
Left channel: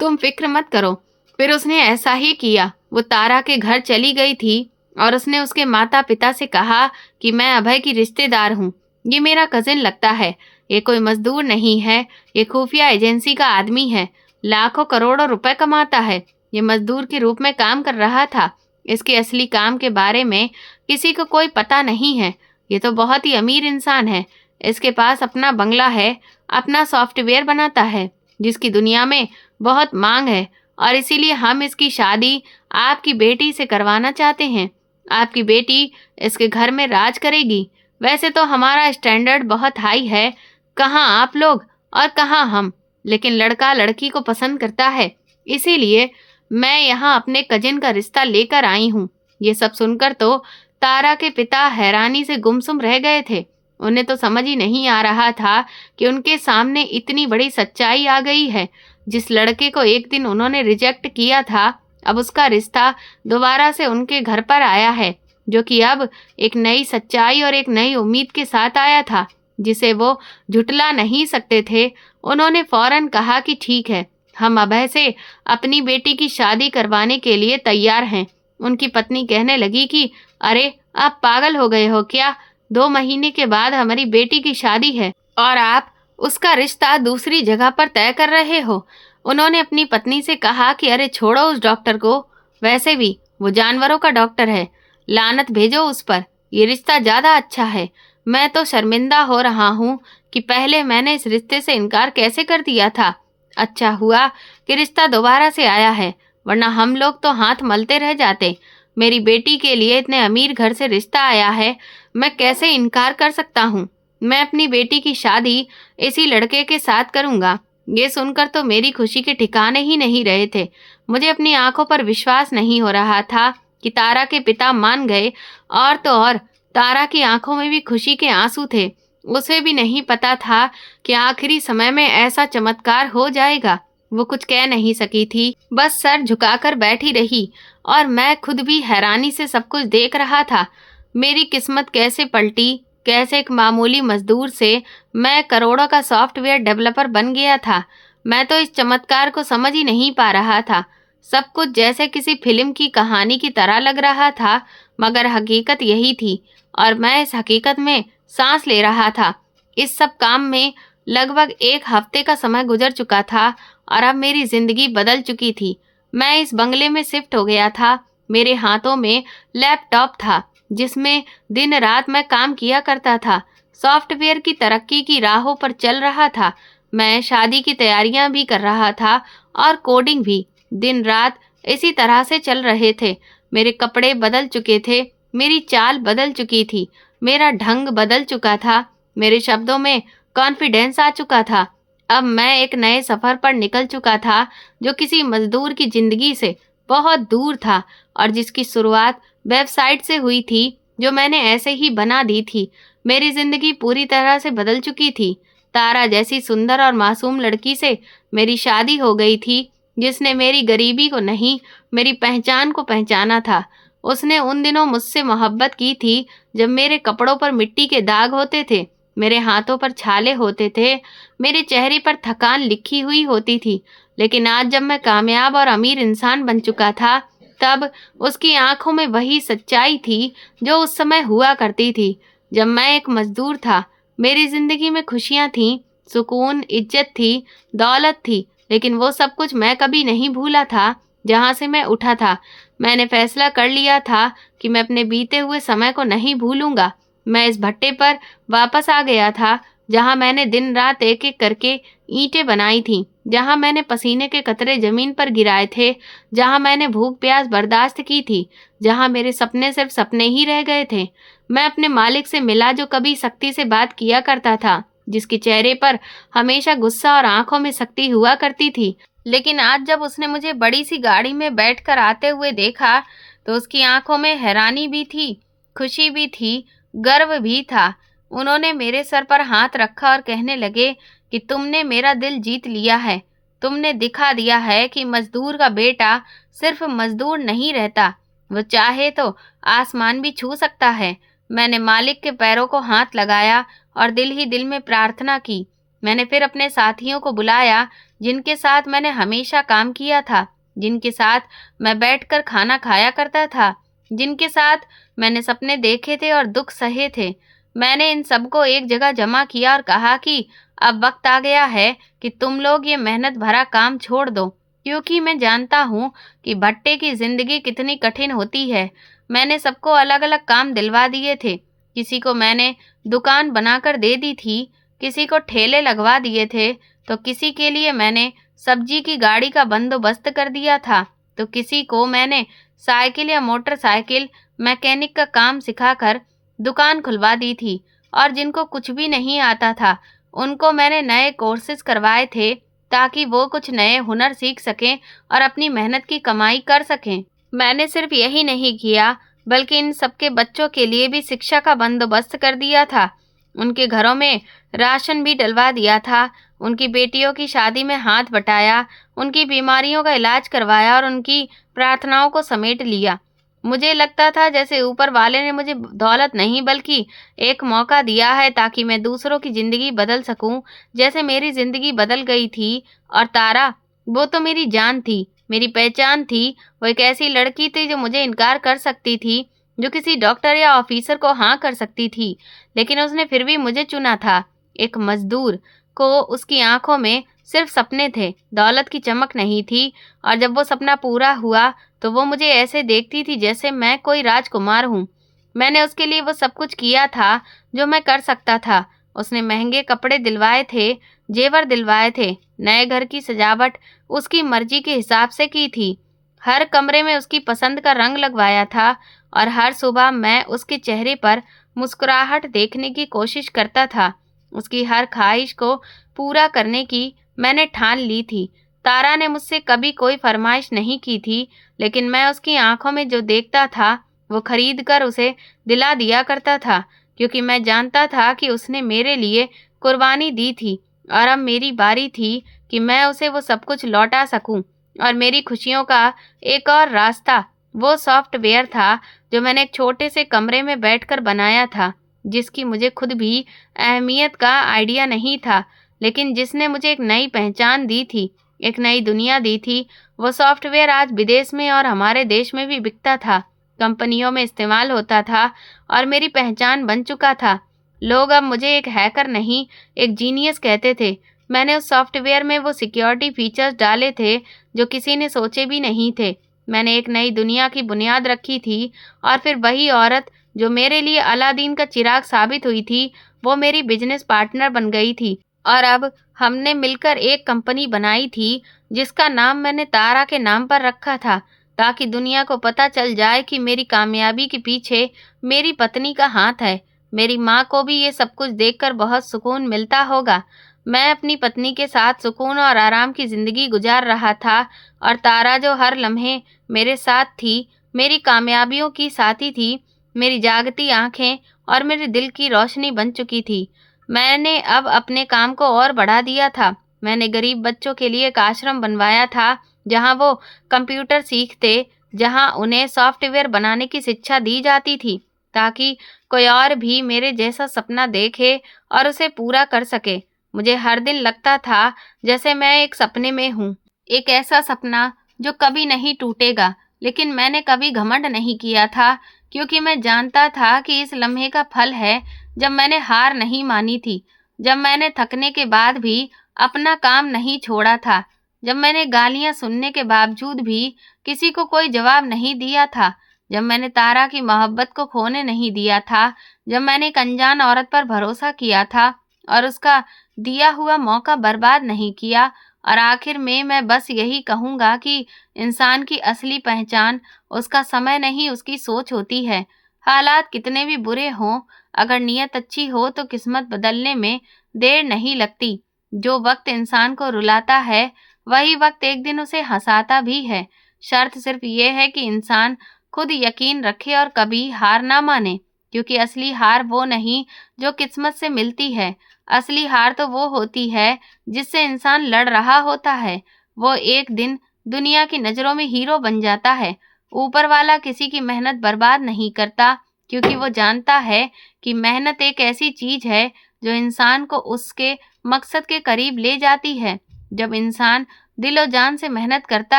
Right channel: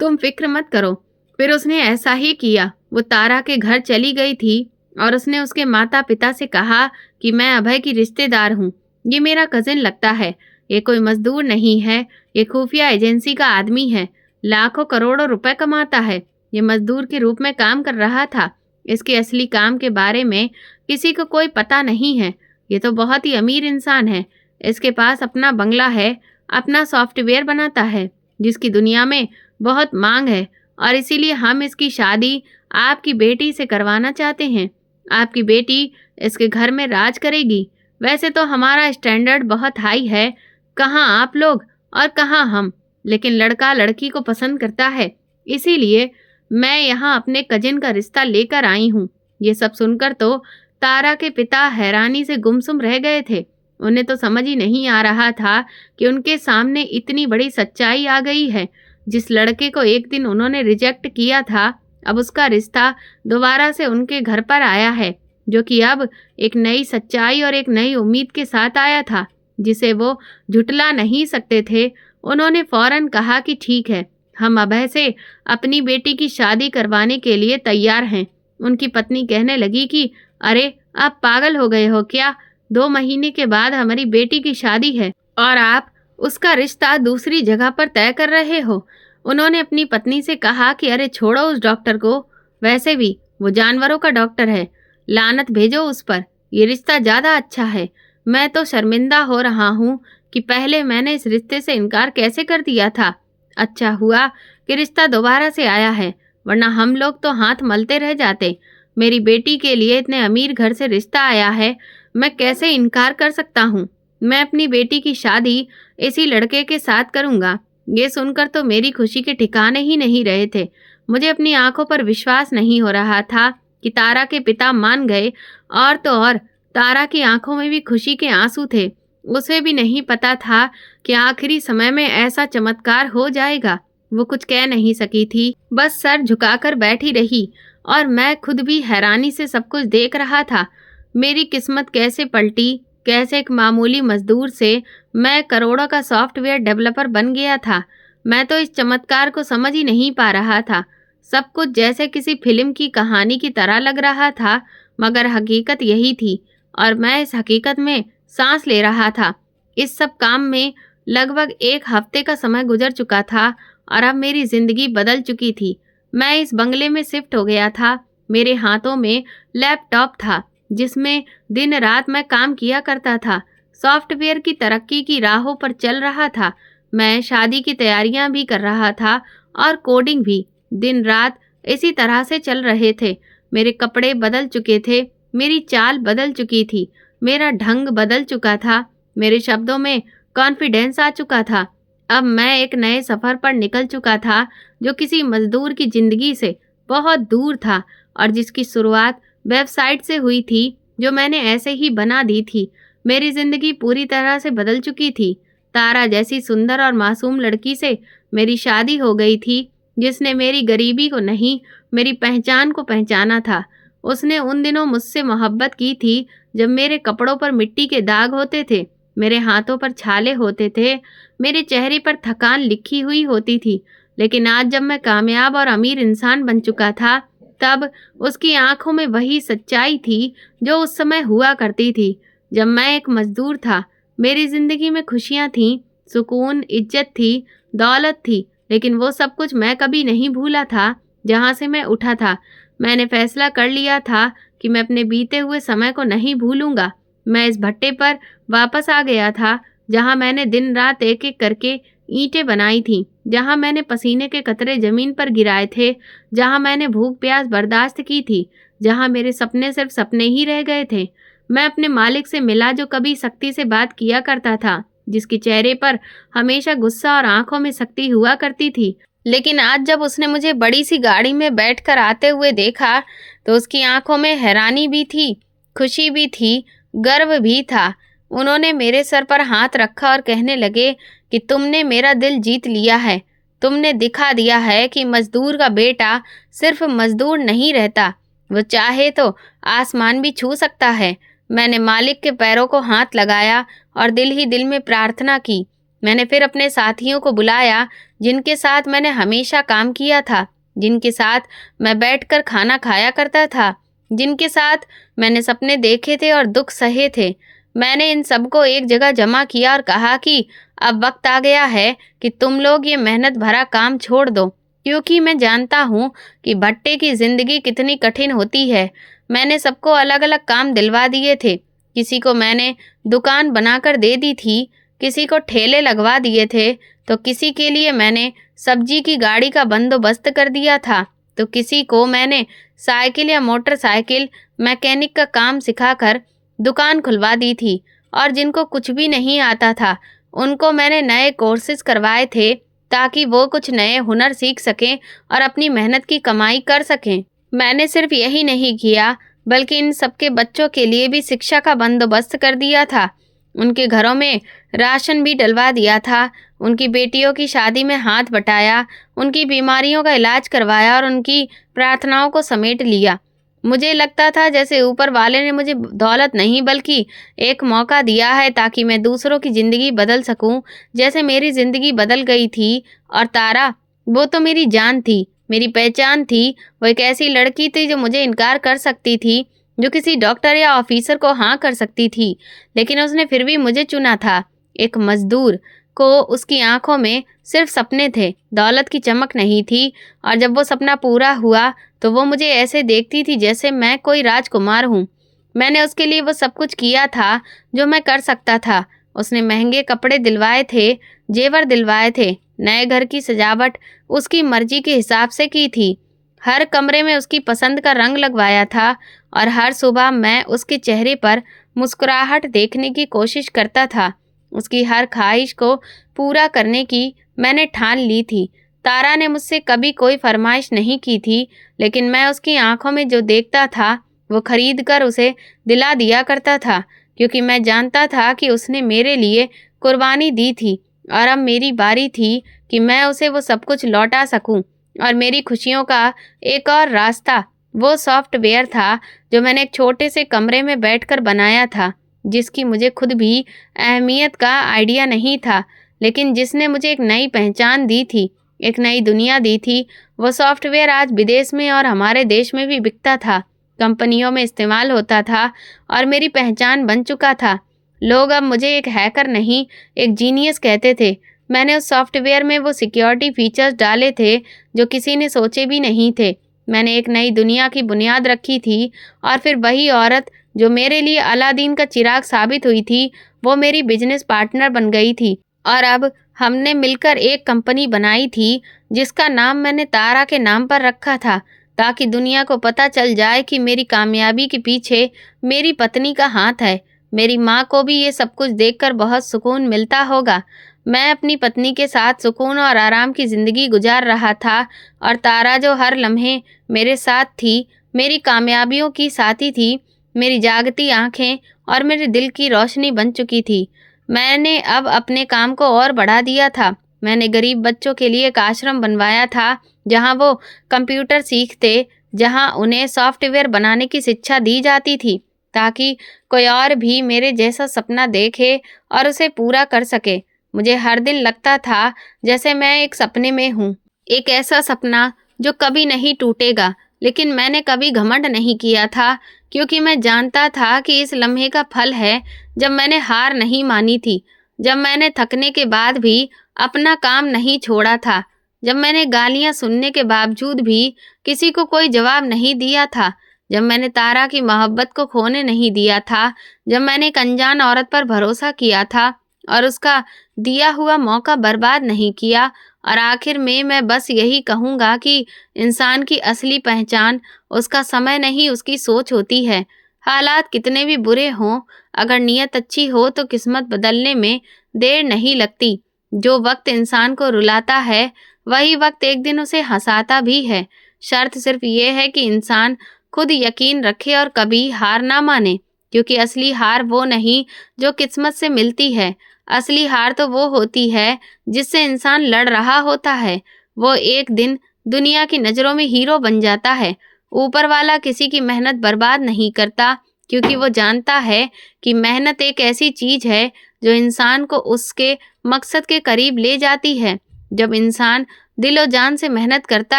तुम फिक्र मत करो। फिर उसने ऐसा ही किया। वो तारा के घर चली गई थी और उसने उसके माता पिता से कहा कि मैं अभय की रिश्तेदार हूँ। ये मेरा कजिन लगता है। ये कोई मजदूर नहीं है, ये खुफिया एजेंसी का आदमी है। लाखों करोड़ों रुपए कमाता है। ये मजदूर के रूप में काम कर रहा था। इसके असली काम के बारे में किसी को कोई पता नहीं है। ये तो बहुत ही अमीर इंसान है। इसके पास अपना बंगला है, अपना सॉफ्टवेयर बनाता है जिसकी दुनिया में बहुत मांग है, और इसीलिए हम इसकी शादी आपकी बेटी से करवाना चाहते हैं। आपकी बेटी इसके घर में राज करेगी। वैसे तो हमारा स्टैंडर्ड बहुत हाई है, कहाँ आप लोग और कहाँ हम, लेकिन लड़का लड़की को पसंद करता है, इसीलिए मैं यहाँ अपने कजिन का रिश्ता लेकर आई हूँ। ये सब सुनकर तो तारा के पिता हैरानी से गुमसुम रह गए थे। उन्हें तो समझ ही नहीं आ रहा था कि उनके सामने इतनी बड़ी सच्चाई आ गई है। जिस लड़के को एक दिन उन्होंने रिजेक्ट किया था, अब उसका रिश्ता दोबारा से उनके घर पर आया है, जो कि अब एक नई सच्चाई और एक नई उम्मीद के साथ आया था, जिसे वो झुटला नहीं सकते थे। उन्होंने फौरन कहा कि ठीक है, हम अभय से अपनी बेटी की शादी करवाने के लिए तैयार हैं। उनकी पत्नी कहने लगी कि अरे, आप पागल हो गए हो क्या? 2 महीने के बाद हमारी बेटी की शादी है और आप उसका रिश्ता दूसरी जगह पर तय कर रहे हो। उन्होंने अपनी पत्नी से कहा कि अरे छोड़ो उस डॉक्टर को, वैसे भी वो जानवरों का डॉक्टर है, लानत भेजो उस पर। ये रिश्ता ज़्यादा अच्छा है। मैं तो शर्मिंदा हो रहा हूँ कि पहले मैंने इस रिश्ते से इनकार कैसे कर दिया था। अच्छा हुआ कि रिश्ता दोबारा से आया है, वरना हम लोग तो हाथ मलते रह जाते। मेरी बेटी के लिए इतने अमीर घर से रिश्ता आया है, मैं कैसे इनकार कर सकता हूँ। मैं अपनी बेटी की शादी इसी लड़के के साथ करूँगा। ये सुनकर तो मेरी खुशी के ठिकाने ही नहीं रहे थे। मुझे अपनी आंखों पर विश्वास नहीं हो रहा था कि तारा के पिता मान गए, और तो और तारा की आंखों में भी खुशी के आंसू थे। उसे भी नहीं पता था कि आखिरी समय में ऐसा चमत्कार हो जाएगा। वो कुछ कह नहीं सकी थी, बस सर झुकाकर बैठी रही, और मैं खुद भी हैरानी से सब कुछ देख रहा था। मेरी किस्मत कैसे पलटी, कैसे एक मामूली मजदूर से मैं करोड़ों का सॉफ्टवेयर डेवलपर बन गया था। मैं तो इस चमत्कार को समझ ही नहीं पा रहा था। सब कुछ जैसे किसी फिल्म की कहानी की तरह लग रहा था, मगर हकीकत यही थी, और मैं इस हकीकत में सांस ले रहा था। इस सब काम में लगभग 1 हफ्ते का समय गुजर चुका था, और अब मेरी जिंदगी बदल चुकी थी। मैं इस बंगले में शिफ्ट हो गया था। मेरे हाथों में लैपटॉप था, जिसमें दिन रात मैं काम किया करता था। सॉफ्टवेयर की तरक्की की राहों पर चल रहा था। मैं शादी की तैयारियां भी कर रहा था, और कोडिंग भी दिन रात इसी तरह से चल रहे थे। मेरे कपड़े बदल चुके थे, मेरी चाल बदल चुकी थी, मेरा ढंग बदल चुका था, मेरे शब्दों में कॉन्फिडेंस आ चुका था। अब मैं एक नए सफ़र पर निकल चुका था, जो किसी मजदूर की ज़िंदगी से बहुत दूर था, और जिसकी शुरुआत वेबसाइट से हुई थी, जो मैंने ऐसे ही बना दी थी। मेरी ज़िंदगी पूरी तरह से बदल चुकी थी। तारा जैसी सुंदर और मासूम लड़की से मेरी शादी हो गई थी, जिसने मेरी गरीबी को नहीं, मेरी पहचान को पहचाना था। उसने उन दिनों मुझसे मोहब्बत की थी जब मेरे कपड़ों पर मिट्टी के दाग होते थे, मेरे हाथों पर छाले होते थे, मेरे चेहरे पर थकान लिखी हुई होती थी। लेकिन आज जब मैं कामयाब और अमीर इंसान बन चुका था, तब उसकी आंखों में वही सच्चाई थी जो उस समय हुआ करती थी जब मैं एक मजदूर था। मेरी ज़िंदगी में खुशियाँ थीं, सुकून, इज्जत थी, दौलत थी, लेकिन वो सब कुछ मैं कभी नहीं भूला था जहाँ से मैं उठा था। मैंने फैसला कर लिया था कि मैं अपने बीते हुए समय को नहीं भूलूंगा। मैं इस भट्टे पर वापस आ गया था, जहाँ मैंने दिन रात एक एक करके ईंटें बनाई थीं, जहाँ मैंने पसीने के कतरे ज़मीन पर गिराए थे, जहाँ मैंने भूख प्यास बर्दाश्त की थी, जहाँ मेरे सपने सिर्फ सपने ही रह गए थे। मैं अपने मालिक से मिला, जो कभी सख्ती से बात किया करता था, जिसके चेहरे पर हमेशा गुस्सा और आंखों में सख्ती हुआ करती थी। लेकिन आज जब उसने मुझे बड़ी सी गाड़ी में बैठकर आते हुए देखा, तो उसकी आंखों में हैरानी भी थी, खुशी भी थी, गर्व भी था। उन्होंने मेरे सर पर हाथ रखा और कहने लगे कि तुमने मेरा दिल जीत लिया है। तुमने दिखा दिया है कि मजदूर का बेटा सिर्फ मजदूर नहीं रहता, वो चाहे तो आसमान भी छू सकता है। मैंने मालिक के पैरों को हाथ लगाया और दिल ही दिल में प्रार्थना की। मैंने फिर अपने साथियों को बुलाया, जिनके साथ मैंने हमेशा काम किया था, जिनके साथ मैं बैठकर खाना खाया करता था। जिनके साथ मैंने सपने देखे थे और दुख सहे थे। मैंने इन सबको एक जगह जमा किया और कहा कि अब वक्त आ गया है कि तुम लोग ये मेहनत भरा काम छोड़ दो, क्योंकि मैं जानता हूँ कि भट्टे की ज़िंदगी कितनी कठिन होती है। मैंने सबको अलग अलग काम दिलवा दिए थे। किसी को मैंने दुकान बनाकर दे दी थी, किसी को ठेले लगवा दिए थे, तो किसी के लिए मैंने सब्जी की गाड़ी का बंदोबस्त कर दिया था, तो किसी को मैंने साइकिल या मोटरसाइकिल मैकेनिक का काम सिखाकर दुकान खुलवा दी थी। और जिनको कुछ भी नहीं आता था उनको मैंने नए कोर्सेज करवाए थे, ताकि वो कुछ नए हुनर सीख सकें और अपनी मेहनत की कमाई कर सकें। मैंने सिर्फ यही नहीं किया, बल्कि इन सबके बच्चों के लिए भी शिक्षा का बंदोबस्त कर दिया था। उनके घरों में राशन भी डलवा दिया था, उनकी बेटियों की शादी में हाथ बटाया, उनकी बीमारियों का इलाज करवाया और उनकी प्रार्थनाओं को समेट लिया। मुझे लगता था जैसे ऊपर वाले ने मुझे दौलत नहीं बल्कि एक मौका दिया है, ताकि मैं दूसरों की ज़िंदगी बदल सकूं, जैसे मेरी ज़िंदगी बदल गई थी। और तारा, वो तो मेरी जान थी, मेरी पहचान थी। वो एक ऐसी लड़की थी जो मुझे इनकार कर सकती थी, जो किसी डॉक्टर या ऑफिसर को हाँ कर सकती थी, लेकिन उसने फिर भी मुझे चुना था। एक मजदूर को उसकी आंखों में सिर्फ सपने थे, दौलत की चमक नहीं थी। और जब वो सपना पूरा हुआ तो वो मुझे ऐसे देखती थी जैसे मैं कोई राजकुमार हूँ। मैंने उसके लिए वो सब कुछ किया था जो मैं कर सकता था। उसने महंगे कपड़े दिलवाए थे, जेवर दिलवाए थे, नए घर की सजावट उसकी मर्जी के हिसाब से की थी। हर कमरे में उसकी पसंद का रंग लगवाया था और हर सुबह मैं उसके चेहरे पर मुस्कुराहट देखने की कोशिश करता था। उसकी हर ख्वाहिश को पूरा करने की मैंने ठान ली थी। तारा ने मुझसे कभी कोई फरमाइश नहीं की थी, लेकिन मैं उसकी आंखों में जो देखता था वो खरीद कर उसे दिला दिया करता था, क्योंकि मैं जानता था कि उसने मेरे लिए कुर्बानी दी थी और अब मेरी बारी थी कि मैं उसे वो सब कुछ लौटा सकूं। और मेरी खुशियों का एक और रास्ता वो सॉफ्टवेयर था जो मैंने एक छोटे से कमरे में बैठकर बनाया था, जिसकी मुझे खुद भी अहमियत का आइडिया नहीं था, लेकिन जिसने मुझे एक नई पहचान दी थी, एक नई दुनिया दी थी। वो सॉफ्टवेयर आज विदेश में और हमारे देश में भी बिकता था, कंपनियों में इस्तेमाल होता था और मेरी पहचान बन चुका था। लोग अब मुझे एक हैकर नहीं, एक जीनियस कहते थे। मैंने उस सॉफ्टवेयर में वो सिक्योरिटी फीचर्स डाले थे जो किसी ने सोचे भी नहीं थे। मैंने एक नई दुनिया की बुनियाद रखी थी और फिर वही औरत जो मेरे लिए अलादीन का चिराग साबित हुई थी, वो मेरी बिजनेस पार्टनर बन गई थी। और अब हमने मिलकर एक कंपनी बनाई थी जिसका नाम मैंने तारा के नाम पर रखा था, ताकि दुनिया को पता चल जाए कि मेरी कामयाबी के पीछे मेरी पत्नी का हाथ है। मेरी माँ को भी ये सब कुछ देखकर बहुत सुकून मिलता होगा। मैं अपनी पत्नी के साथ सुकून और आराम की ज़िंदगी गुजार रहा था, और तारा जो हर लम्हे मेरे साथ थी, मेरी कामयाबियों की साथी थी, मेरी जागती आंखें और मेरे दिल की रोशनी बन चुकी थी। मैंने अब अपने काम को और बढ़ा दिया था। मैंने गरीब बच्चों के लिए एक आश्रम बनवाया था, जहां वो कंप्यूटर सीखते, जहां उन्हें सॉफ्टवेयर बनाने की शिक्षा दी जाती थी, ताकि कोई और भी मेरे जैसा सपना देखे और उसे पूरा कर सके। मुझे हर दिन लगता था जैसे मैं एक सपने में हूँ, एक ऐसा सपना जो कभी नहीं टूटेगा। लेकिन मैंने कभी घमंड नहीं किया था, क्योंकि मैं जानता था कि इस लम्हे का फल है जब मैंने हार नहीं मानी थी, जब मैंने थकने के बाद भी अपना काम नहीं छोड़ा था, जब मैंने गालियां सुनने के बावजूद भी किसी को कोई जवाब नहीं दिया था, जब मैंने तारा की मोहब्बत को खोने नहीं दिया था, जब मैंने एक अनजान औरत पर भरोसा किया था और उसका दिया हुआ मौका बर्बाद नहीं किया। और आखिर में मैं बस यही कहूँगा कि इंसान की असली पहचान उसका समय नहीं, उसकी सोच होती है। हालात कितने भी बुरे हों, अगर नीयत अच्छी हो तो किस्मत बदलने में देर नहीं लगती। जो वक्त इंसान को रुलाता है, वही वक्त एक दिन उसे हंसाता भी है। शर्त सिर्फ ये है कि इंसान खुद यकीन रखे और कभी हार ना माने, क्योंकि असली हार वो नहीं जो किस्मत से मिलती है। असली हार तो वो होती है जिससे इंसान लड़ रहा होता है। वो एक दिन दुनिया की नज़रों में हीरो बन जाता है। ऊपर वाला किसी की मेहनत बर्बाद नहीं करता, क्योंकि वो जानता है कि मेहनत एक ऐसी चीज़ है जो इंसान को उसके मकसद के करीब ले जाती है। जब इंसान दिलो जान से मेहनत करता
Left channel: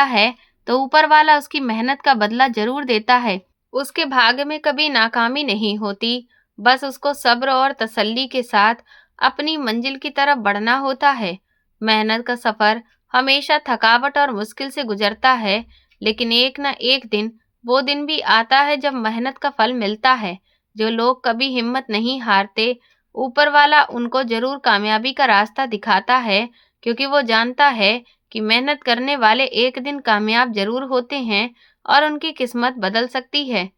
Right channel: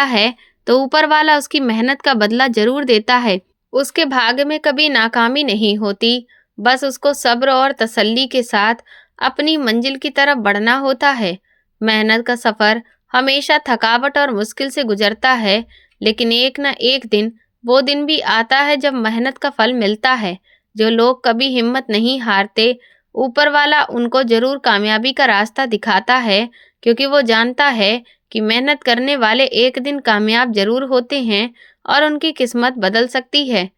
है तो ऊपर वाला उसकी मेहनत का बदला ज़रूर देता है। उसके भाग्य में कभी नाकामी नहीं होती, बस उसको सब्र और तसल्ली के साथ अपनी मंजिल की तरफ बढ़ना होता है। मेहनत का सफ़र हमेशा थकावट और मुश्किल से गुजरता है, लेकिन एक न एक दिन वो दिन भी आता है जब मेहनत का फल मिलता है। जो लोग कभी हिम्मत नहीं हारते, ऊपर वाला उनको ज़रूर कामयाबी का रास्ता दिखाता है, क्योंकि वो जानता है कि मेहनत करने वाले एक दिन कामयाब ज़रूर होते हैं और उनकी किस्मत बदल सकती है।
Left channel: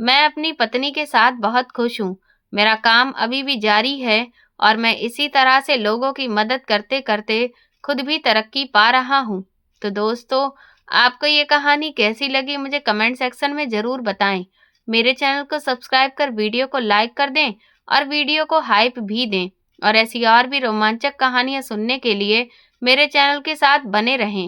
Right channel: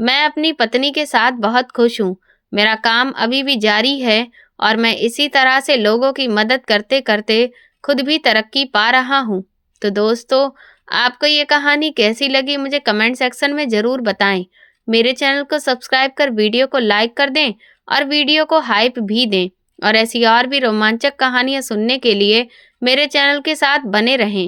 मैं अपनी पत्नी के साथ बहुत खुश हूँ। मेरा काम अभी भी जारी है और मैं इसी तरह से लोगों की मदद करते-करते खुद भी तरक्की पा रहा हूँ। तो दोस्तों, आपको ये कहानी कैसी लगी मुझे कमेंट सेक्शन में ज़रूर बताएं। मेरे चैनल को सब्सक्राइब कर वीडियो को लाइक कर दें और वीडियो को हाइप भी दें। और ऐसी और भी रोमांचक कहानियाँ सुनने के लिए मेरे चैनल के साथ बने रहें।